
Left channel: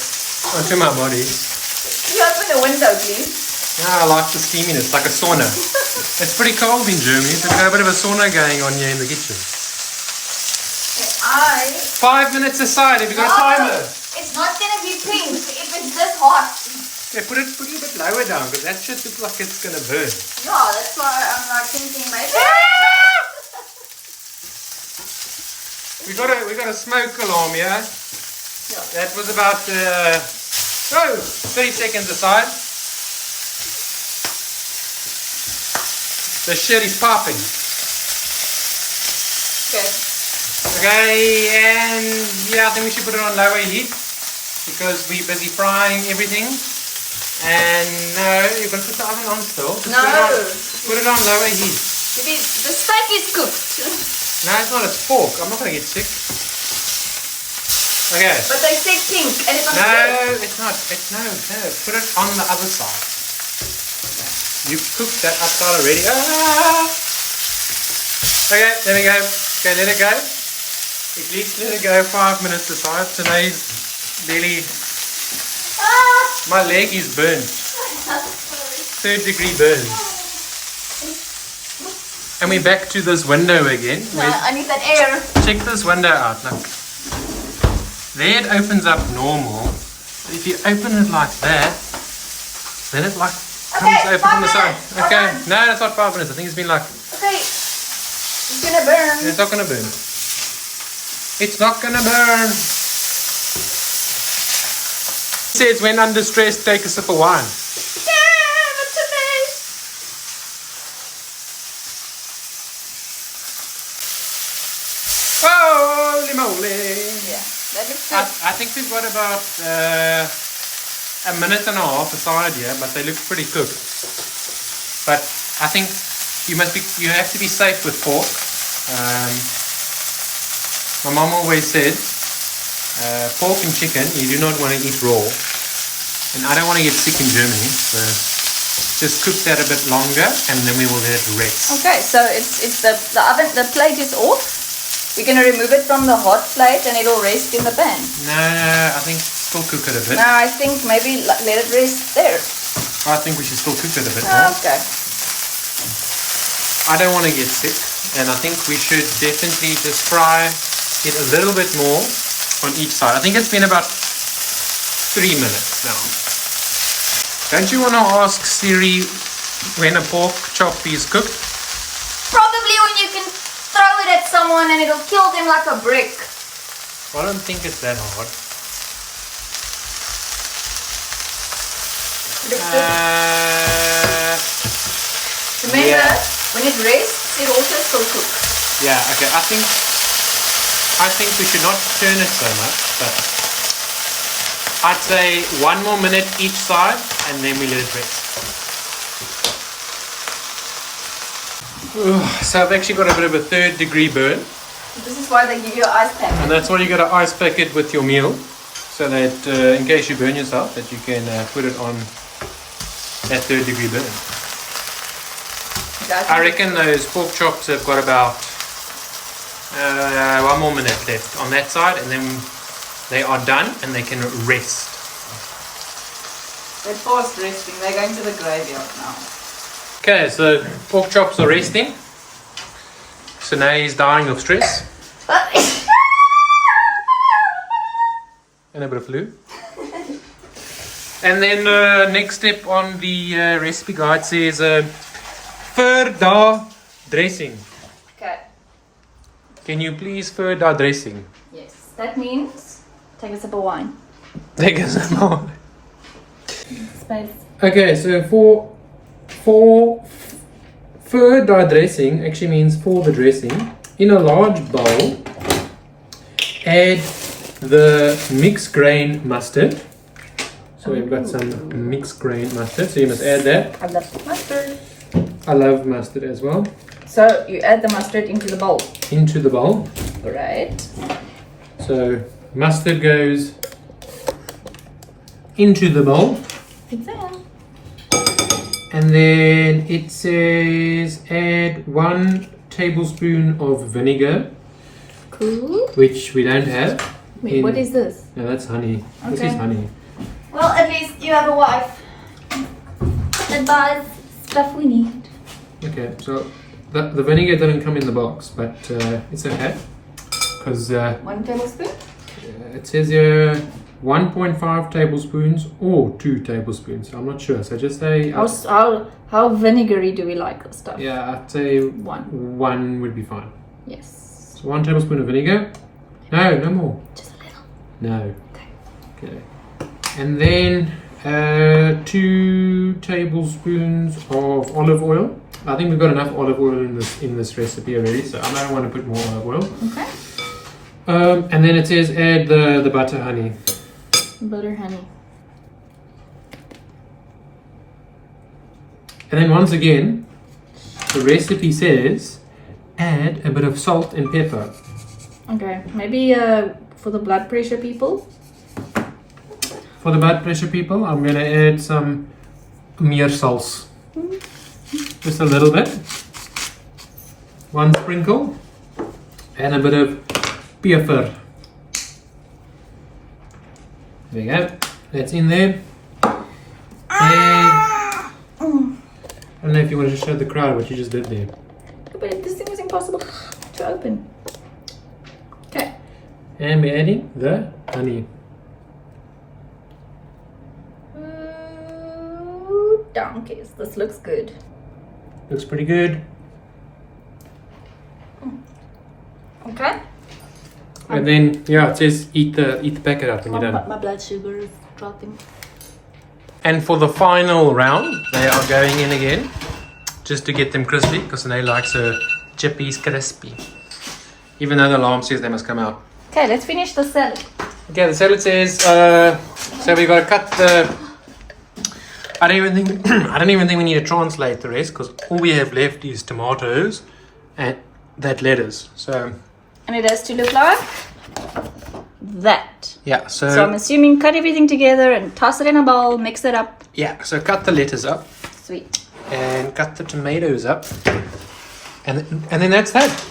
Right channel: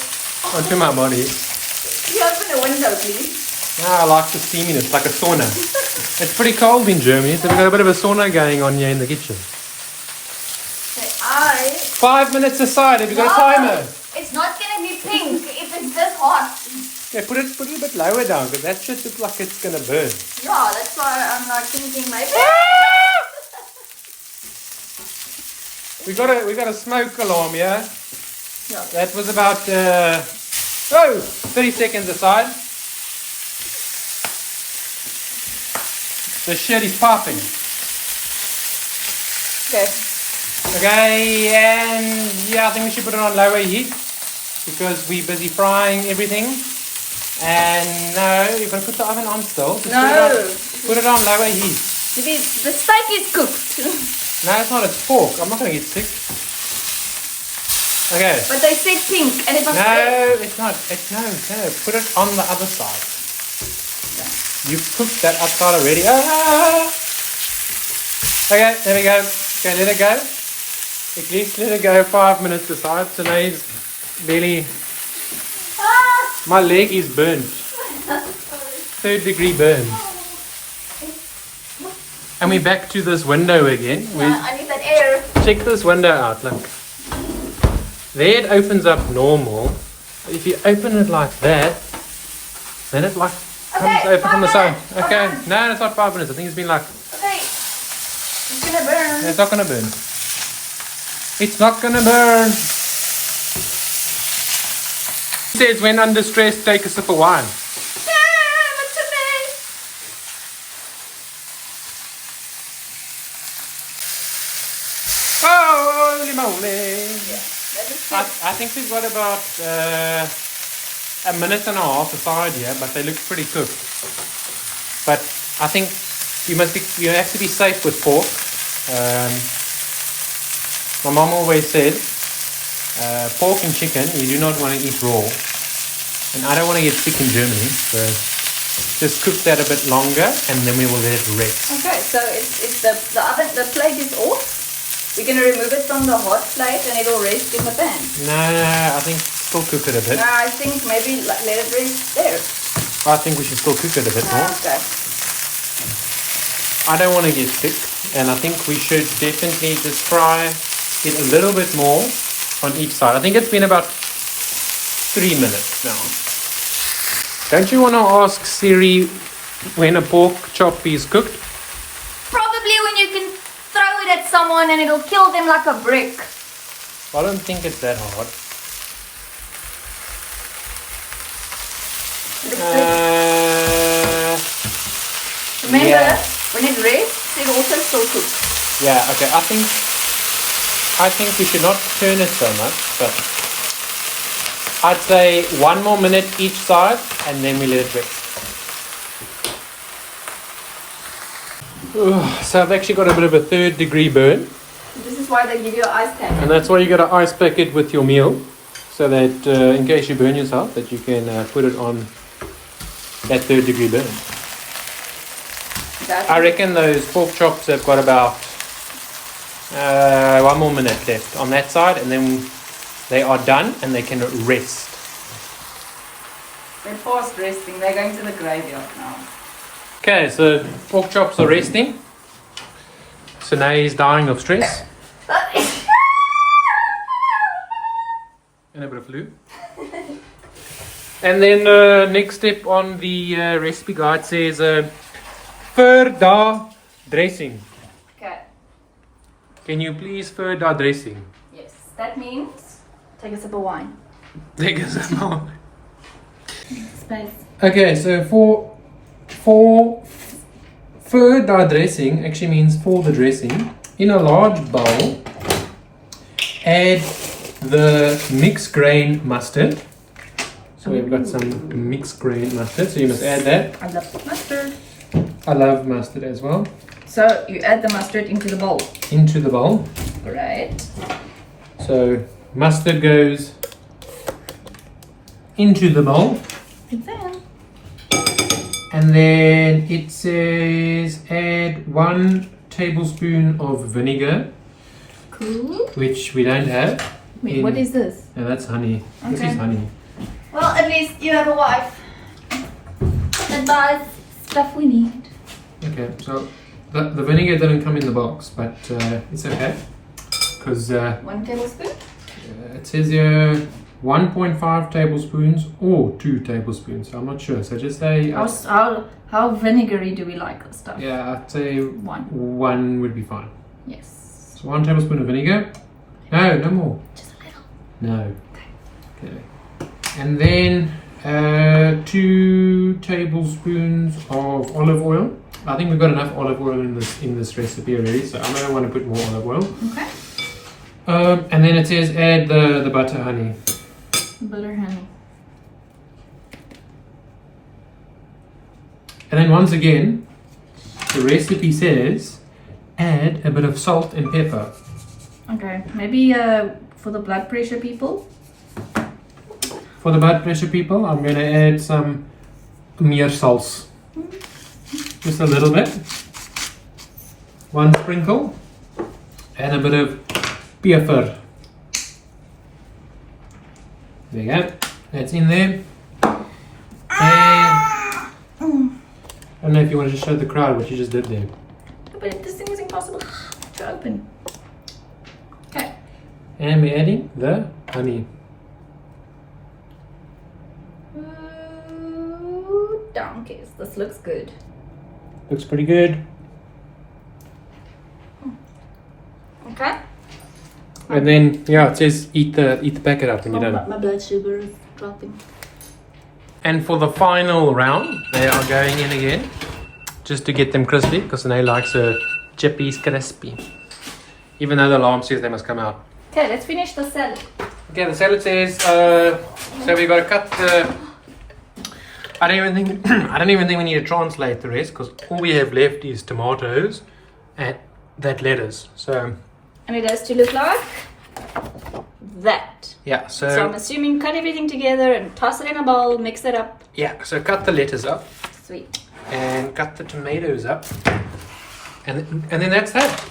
body. Can you open the window, please? Yeah, I like the steaminess, like a sauna. It's pretty cold in Germany, so we've got a bit of a sauna going on here in the kitchen. 5 minutes aside, have you got a timer? It's not gonna be pink if it's this hot. Yeah, put it a bit lower down, because that just looks like it's gonna burn. Yeah, that's why I'm like thinking maybe. We got a smoke alarm here. Yeah. That was about 30 seconds aside. The shit is popping. Good. Okay, and yeah, I think we should put it on lower heat because we're busy frying everything. And no, you're gonna put the oven on still. Just put it on lower heat. The steak is cooked. No, it's not. It's pork. I'm not gonna get sick. Okay. But they said pink, and it's not No, red. it's not. No. Put it on the other side. You've cooked that upside already. Ah! Okay, let it go. Okay, let it go. At least let it go 5 minutes aside. Today's really... My leg is burnt. 3rd degree burn. And we're back to this window again. I need that air. Check this window out, look. There it opens up normal. If you open it like that, then it like comes open from the side. Okay, no, it's not 5 minutes. I think it's been like... Okay. It's gonna burn. It's not gonna burn. It's not gonna burn. It says when under stress, take a sip of wine. Holy moly! I think we've got about a minute and a half aside here, but they look pretty cooked. But I think you have to be safe with pork. My mom always said, pork and chicken you do not want to eat raw, and I don't want to get sick in Germany, so just cook that a bit longer, and then we will let it rest. Okay, so it's the oven, the plate is off. We're gonna remove it from the hot plate, and it'll rest in the pan. No, I think still cook it a bit. No, I think maybe let it rest there. I think we should still cook it a bit more. Okay. I don't want to get sick, and I think we should definitely just fry it a little bit more on each side. I think it's been about 3 minutes now. Don't you want to ask Siri when a pork chop is cooked? Probably when you can throw it at someone and it'll kill them like a brick. I don't think it's that hard. Remember, Yeah. when it rests, it also still cooks. Yeah, okay. I think we should not turn it so much, but I'd say 1 more minute each side and then we let it rest. So I've actually got a bit of a 3rd degree burn, This is why they give you an ice pack. and that's why you got to ice pack it with your meal, so that in case you burn yourself, that you can put it on that 3rd degree burn. I reckon those pork chops have got about 1 more minute left on that side, and then they are done and they can rest. They're past resting. They're going to the graveyard now. Okay, so pork chops are resting. So now he's dying of stress and a bit of flu. And then next step on the recipe guide says Verda dressing. Okay. Can you please Verda dressing? Yes. That means take a sip of wine. Take a sip more. Space. Okay, so for Verda dressing actually means for the dressing. In a large bowl, add the mixed grain mustard. So we've got some mixed grain mustard, so you must add that. I love mustard. I love mustard as well. So you add the mustard into the bowl. Into the bowl. Right. So mustard goes into the bowl. And then it says add 1 tablespoon of vinegar, Cool. which we don't have. Wait, what is this? No, that's honey. This Okay. is honey. Well, at least you have a wife that buys stuff we need. Okay, so the vinegar didn't come in the box, but it's okay. Because 1 tablespoon? it says here 1.5 tablespoons or 2 tablespoons. I'm not sure. So just say... How vinegary do we like this stuff? yeah, I'd say 1 would be fine. Yes. So 1 tablespoon of vinegar. No, no more. Just a little. No. Okay. And then 2 tablespoons of olive oil. I think we've got enough olive oil in this recipe already, so I don't want to put more olive oil. Okay. And then it says add the butter honey. Butter honey. And then once again, the recipe says add a bit of salt and pepper. Okay. Maybe for the blood pressure people. For the blood pressure people, I'm going to add some meersals. Just a little bit. 1 sprinkle. And a bit of pepper. There you go. That's in there. And I don't know if you wanted to show the crowd what you just did there. But this thing was impossible to open. Okay. And we're adding the honey. Ooh, donkeys. This looks good. Looks pretty good. Okay. And then, yeah, it says eat the packet up when you're done. My blood sugar is dropping. And for the final round, they are going in again, just to get them crispy, because they like so chippies crispy. Even though the alarm says they must come out. Okay, let's finish the salad. Okay, the salad says, so we've got to cut the... I don't even think we need to translate the rest, because all we have left is tomatoes and that lettuce. So And it has to look like that. yeah, So I'm assuming cut everything together and toss it in a bowl, mix it up. yeah, so cut the lettuce up Sweet. and cut the tomatoes up, and then that's that.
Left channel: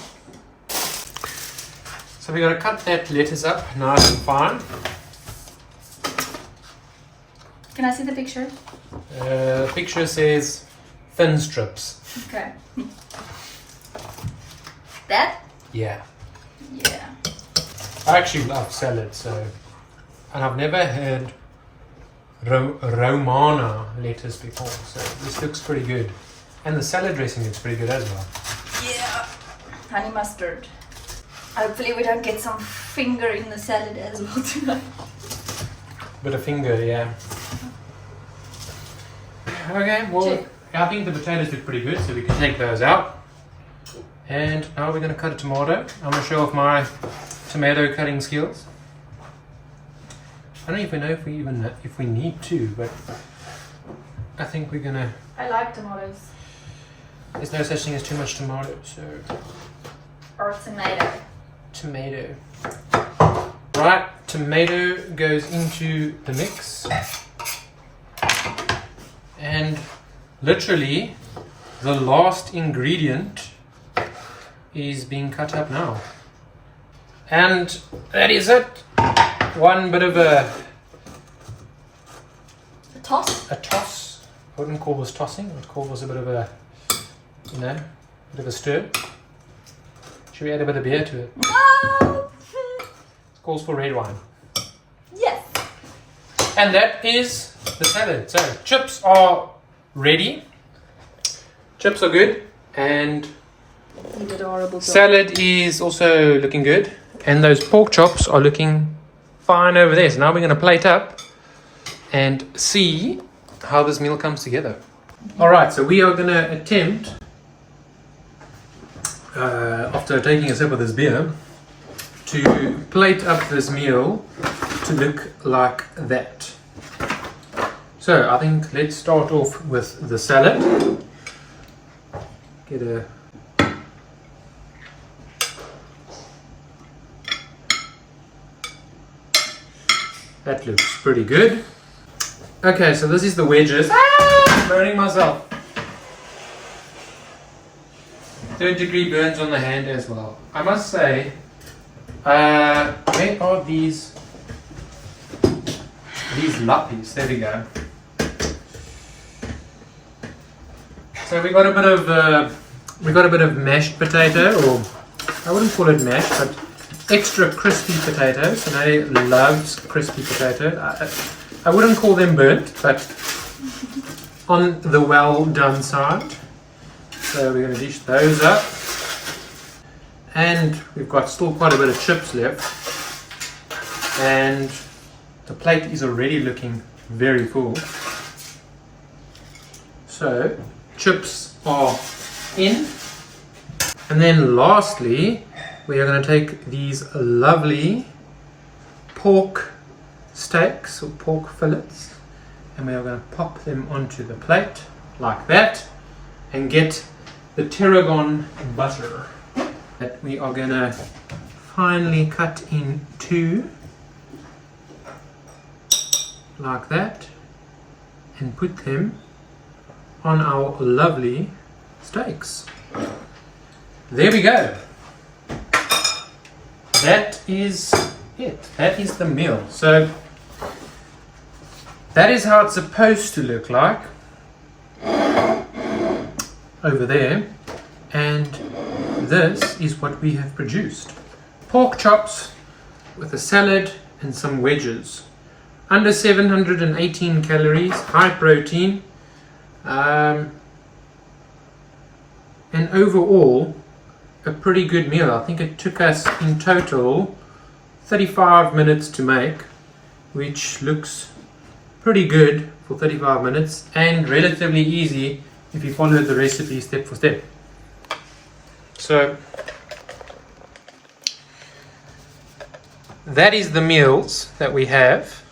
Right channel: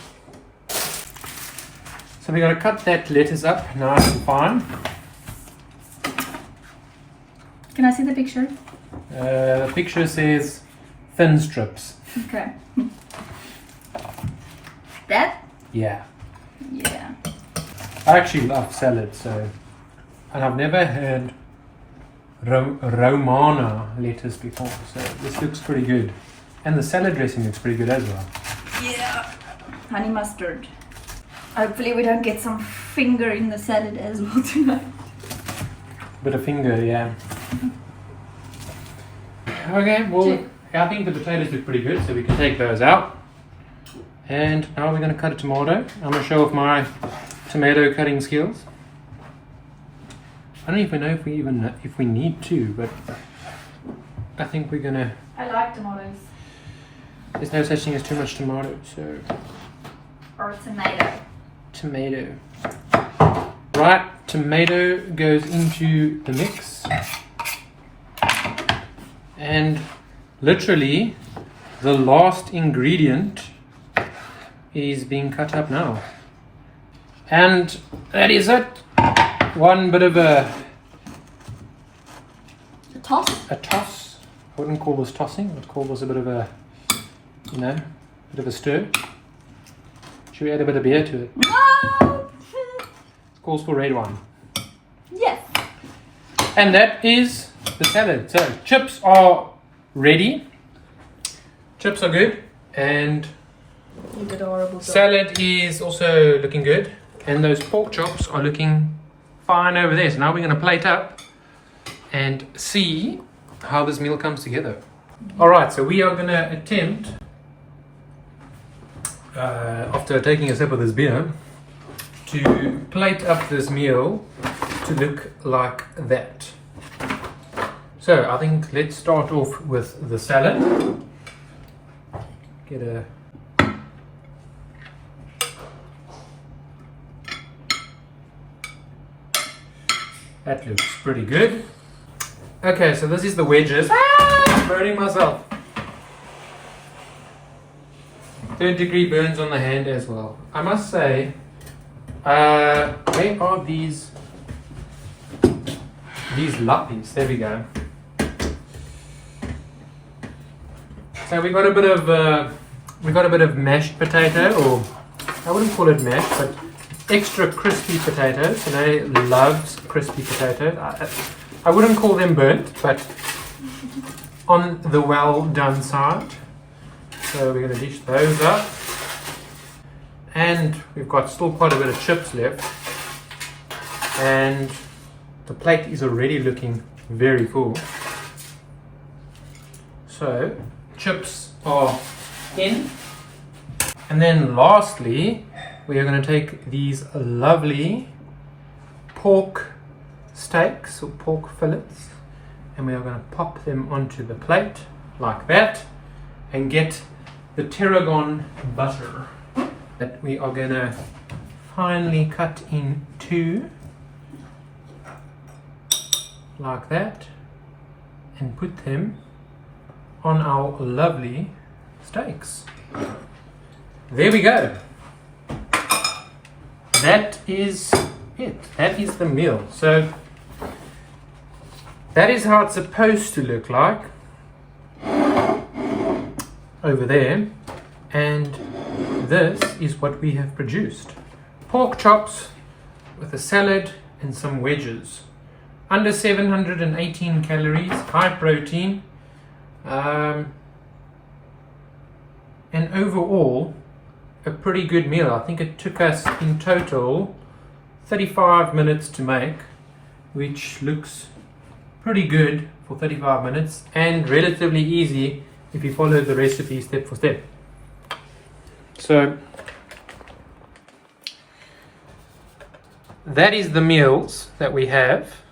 So we got to cut that lettuce up nice and fine. Can I see the picture? The picture says thin strips. Okay. That? Yeah. Yeah. I actually love salad, so, and I've never had Romana lettuce before, so this looks pretty good. And the salad dressing looks pretty good as well. Yeah. Honey mustard. Hopefully we don't get some finger in the salad as well tonight. Bit of finger, yeah. Okay, well, I think the potatoes look pretty good, so we can take those out. And now we're going to cut a tomato. I'm going to show off my tomato cutting skills. I don't even know if we need to, but I think we're going to... I like tomatoes. There's no such thing as too much tomato, so... Or tomato. Tomato. Right, tomato goes into the mix. And literally, the last ingredient is being cut up now. And that is it. One bit of a toss. A toss. I wouldn't call this tossing. I'd call this a bit of a, you know, bit of a stir. Should we add a bit of beer to it? No! It calls for red wine. Yes. And that is the salad. So chips are ready. Chips are good. And salad is also looking good. And those pork chops are looking fine over there. So now we're going to plate up and see how this meal comes together. Alright, so we are going to attempt, after taking a sip of this beer, to plate up this meal to look like that. So I think let's start off with the salad. Get a That looks pretty good. Okay, so this is the wedges. I'm burning myself. 3rd-degree burns on the hand as well. I must say, where are these lappies? There we go. So we got a bit of mashed potato, or I wouldn't call it mashed, but extra crispy potatoes. Today loves crispy potato. I wouldn't call them burnt, but on the well done side. So we're going to dish those up. And we've got still quite a bit of chips left. And the plate is already looking very full. So chips are in. And then lastly, we are going to take these lovely pork steaks or pork fillets, and we are going to pop them onto the plate like that and get the tarragon butter that we are going to finely cut in two like that and put them on our lovely steaks. There we go. That is it. That is the meal. So that is how it's supposed to look like over there. And this is what we have produced. Pork chops with a salad and some wedges. Under 718 calories, high protein. And overall, a pretty good meal. I think it took us in total 35 minutes to make, which looks pretty good for 35 minutes and relatively easy if you follow the recipe step for step. So that is the meals that we have,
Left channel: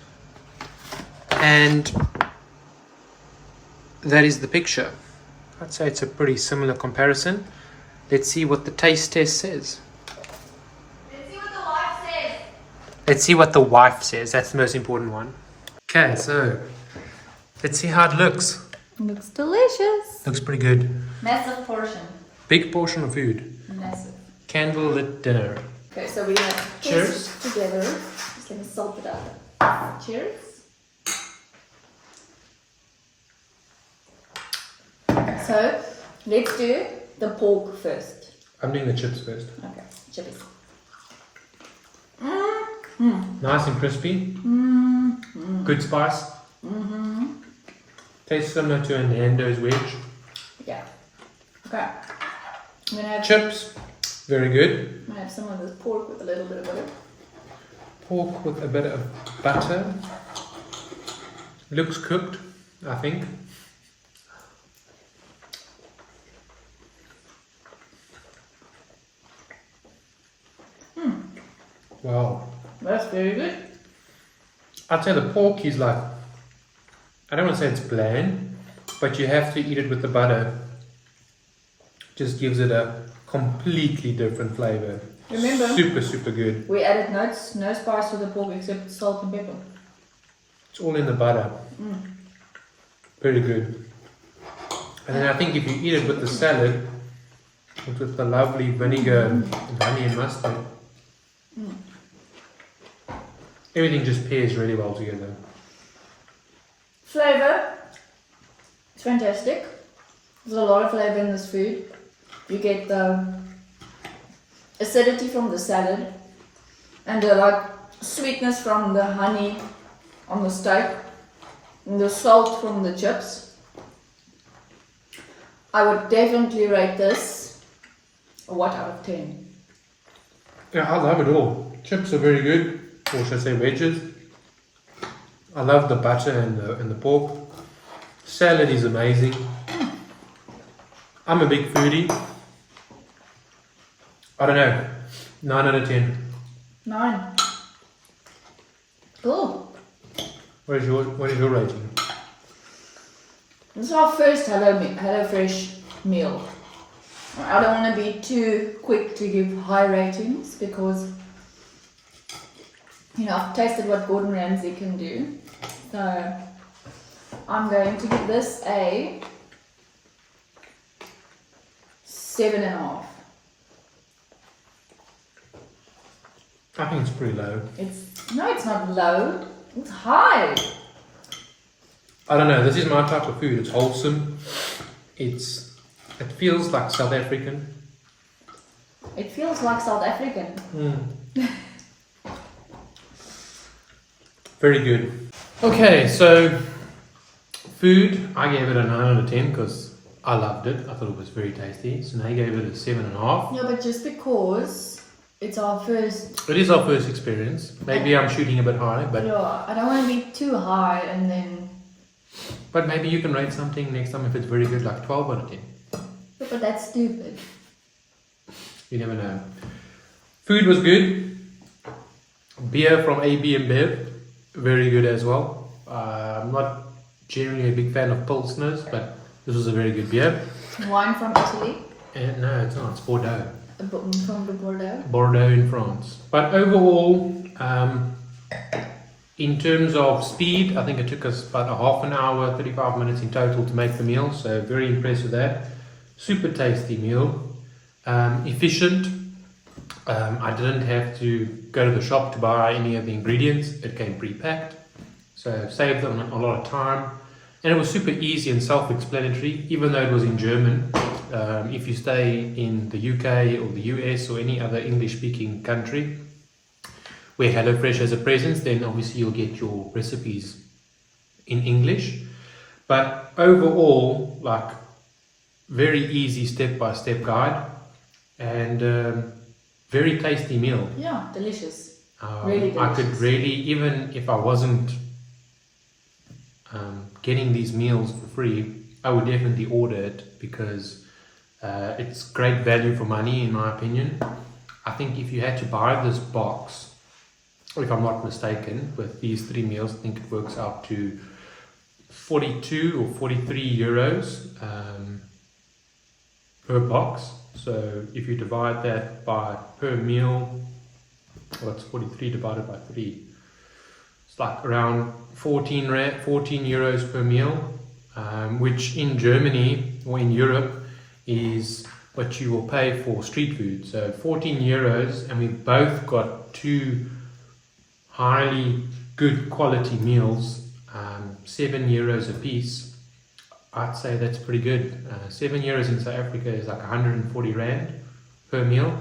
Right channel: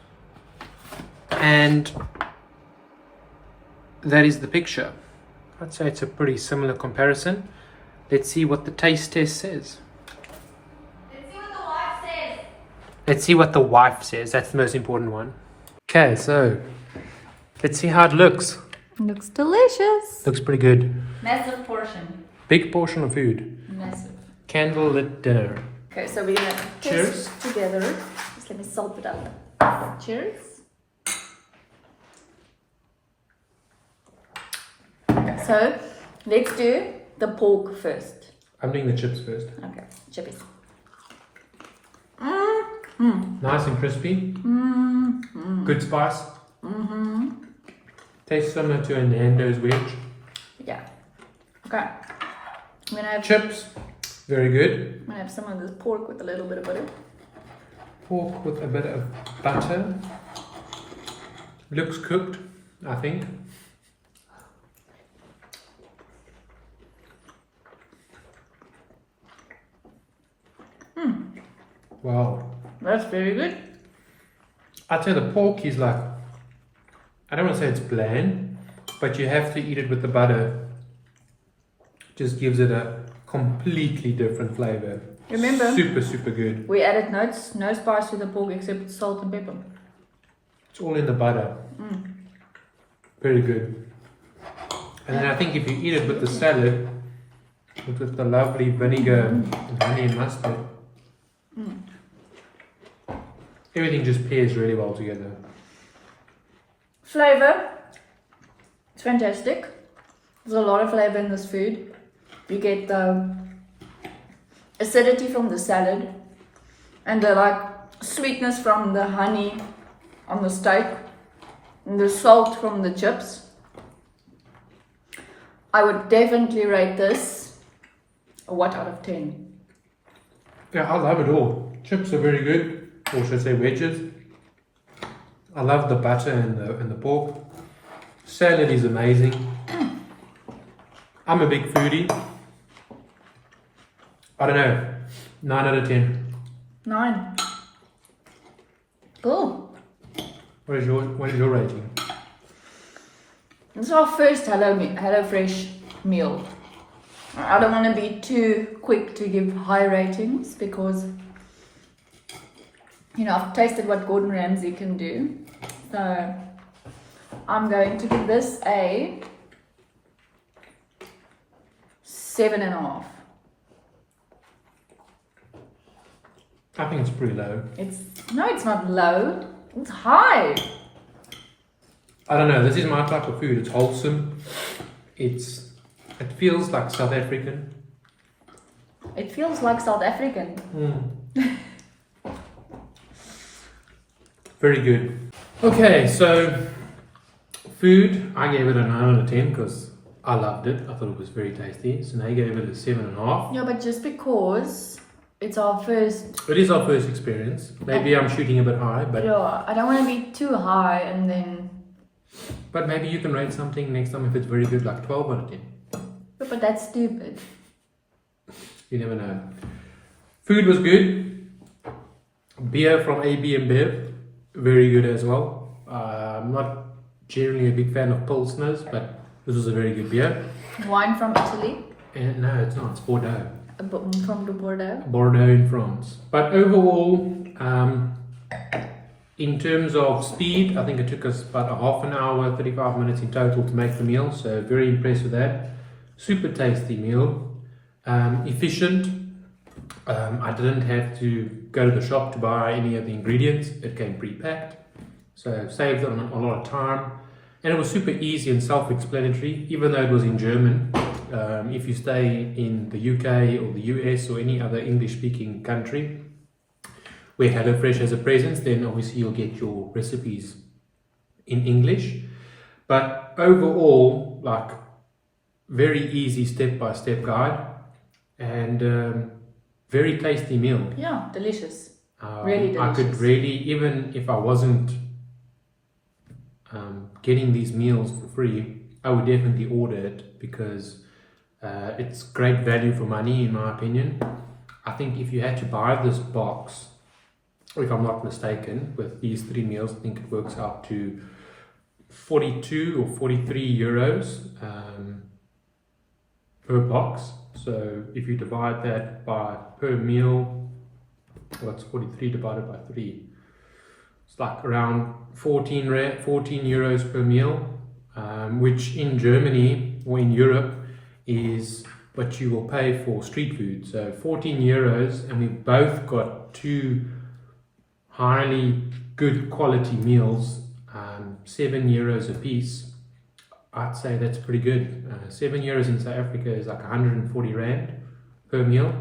and that is the picture. I'd say it's a pretty similar comparison. Let's see what the taste test says. Let's see what the wife says. Let's see what the wife says. That's the most important one. Okay, so let's see how it looks. Looks delicious. Looks pretty good. Massive portion. Big portion of food. Massive. Candlelit dinner. Okay, so we're gonna Cheers. taste together. Just let me salt it out. Cheers. Okay, so let's do the pork first. I'm doing the chips first. Okay, chippies. Nice and crispy. Good spice. Tastes similar to a Nando's wedge. Yeah. Okay. I'm gonna have, Chips, very good. I'm gonna have some of this pork with a little bit of butter. Pork with a bit of butter. Looks cooked, I think. Wow. That's very good. I'd say the pork is like, I don't want to say it's bland, but you have to eat it with the butter. Just gives it a completely different flavour. Remember, Super, super good. we added no spice to the pork except salt and pepper. It's all in the butter. Very good. And then I think if you eat it with the salad, with the lovely vinegar and honey and mustard, everything just pairs really well together. Flavor, it's fantastic. There's a lot of flavor in this food. You get the acidity from the salad and the like sweetness from the honey on the steak and the salt from the chips. I would definitely rate this a what out of 10? Yeah, I love it all. Chips are very good, or should I say wedges. I love the butter and the pork. Salad is amazing. I'm a big foodie. I don't know, 9 out of 10. 9. Cool. What is your rating? This is our first HelloFresh meal. I don't want to be too quick to give high ratings because, you know, I've tasted what Gordon Ramsay can do. So I'm going to give this a 7.5. I think it's pretty low. It's not low. It's high. I don't know, this is my type of food. It's wholesome. It feels like South African. It feels like South African. Very good. Okay, so food, I gave it a 9 out of 10 because I loved it. I thought it was very tasty. So now I gave it a 7.5. Yeah, but just because it's our first. It is our first experience. Maybe I'm shooting a bit high, but Yeah, I don't want to be too high and then. but maybe you can rate something next time if it's very good, like 12 out of 10. But that's stupid. You never know. Food was good. Beer from AB and Bev, very good as well. I'm not generally a big fan of Pilsners, but this was a very good beer. Wine from Italy. And no, it's not. It's Bordeaux. From the Bordeaux. Bordeaux in France. But overall, in terms of speed, I think it took us about a half an hour, 35 minutes in total to make the meal. So very impressed with that. Super tasty meal. Efficient. I didn't have to go to the shop to buy any of the ingredients. It came pre-packed. So saved them a lot of time. And it was super easy and self-explanatory, even though it was in German. If you stay in the UK or the US or any other English-speaking country where HelloFresh has a presence, then obviously you'll get your recipes in English. But overall, like, very easy step-by-step guide and very tasty meal. Yeah, delicious. Really delicious. I could really, even if I wasn't getting these meals for free, I would definitely order it because it's great value for money, in my opinion. I think if you had to buy this box, or if I'm not mistaken, with these 3 meals, I think it works out to 42 or 43 euros per box. So if you divide that by per meal, well, that's 43 divided by 3. It's like around 14 euros per meal, which in Germany or in Europe is what you will pay for street food. So 14 euros, and we both got 2 highly good quality meals, 7 euros a piece. I'd say that's pretty good. 7 euros in South Africa is like 140 rand per meal.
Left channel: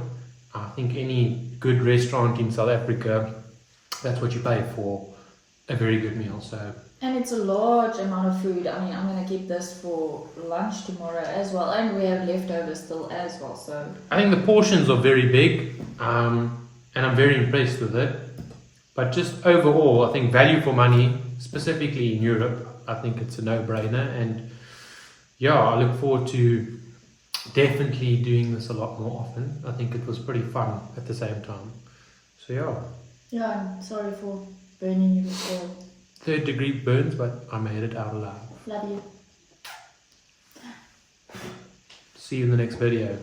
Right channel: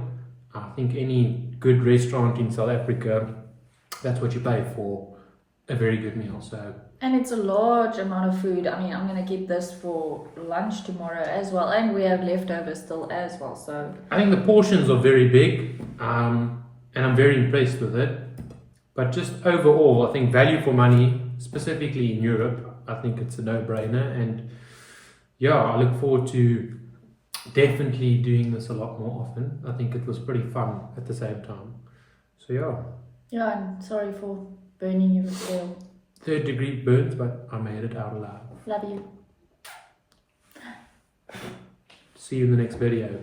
I think any good restaurant in South Africa, that's what you pay for a very good meal. So. And it's a large amount of food. I mean, I'm going to keep this for lunch tomorrow as well. And we have leftovers still as well. So I think the portions are very big, and I'm very impressed with it. But just overall, I think value for money, specifically in Europe, I think it's a no-brainer. And yeah, I look forward to definitely doing this a lot more often. I think it was pretty fun at the same time. So So yeah, Yeah, I'm sorry for burning you with oil. 3rd degree burns, but I made it out alive. Love you. See you in the next video.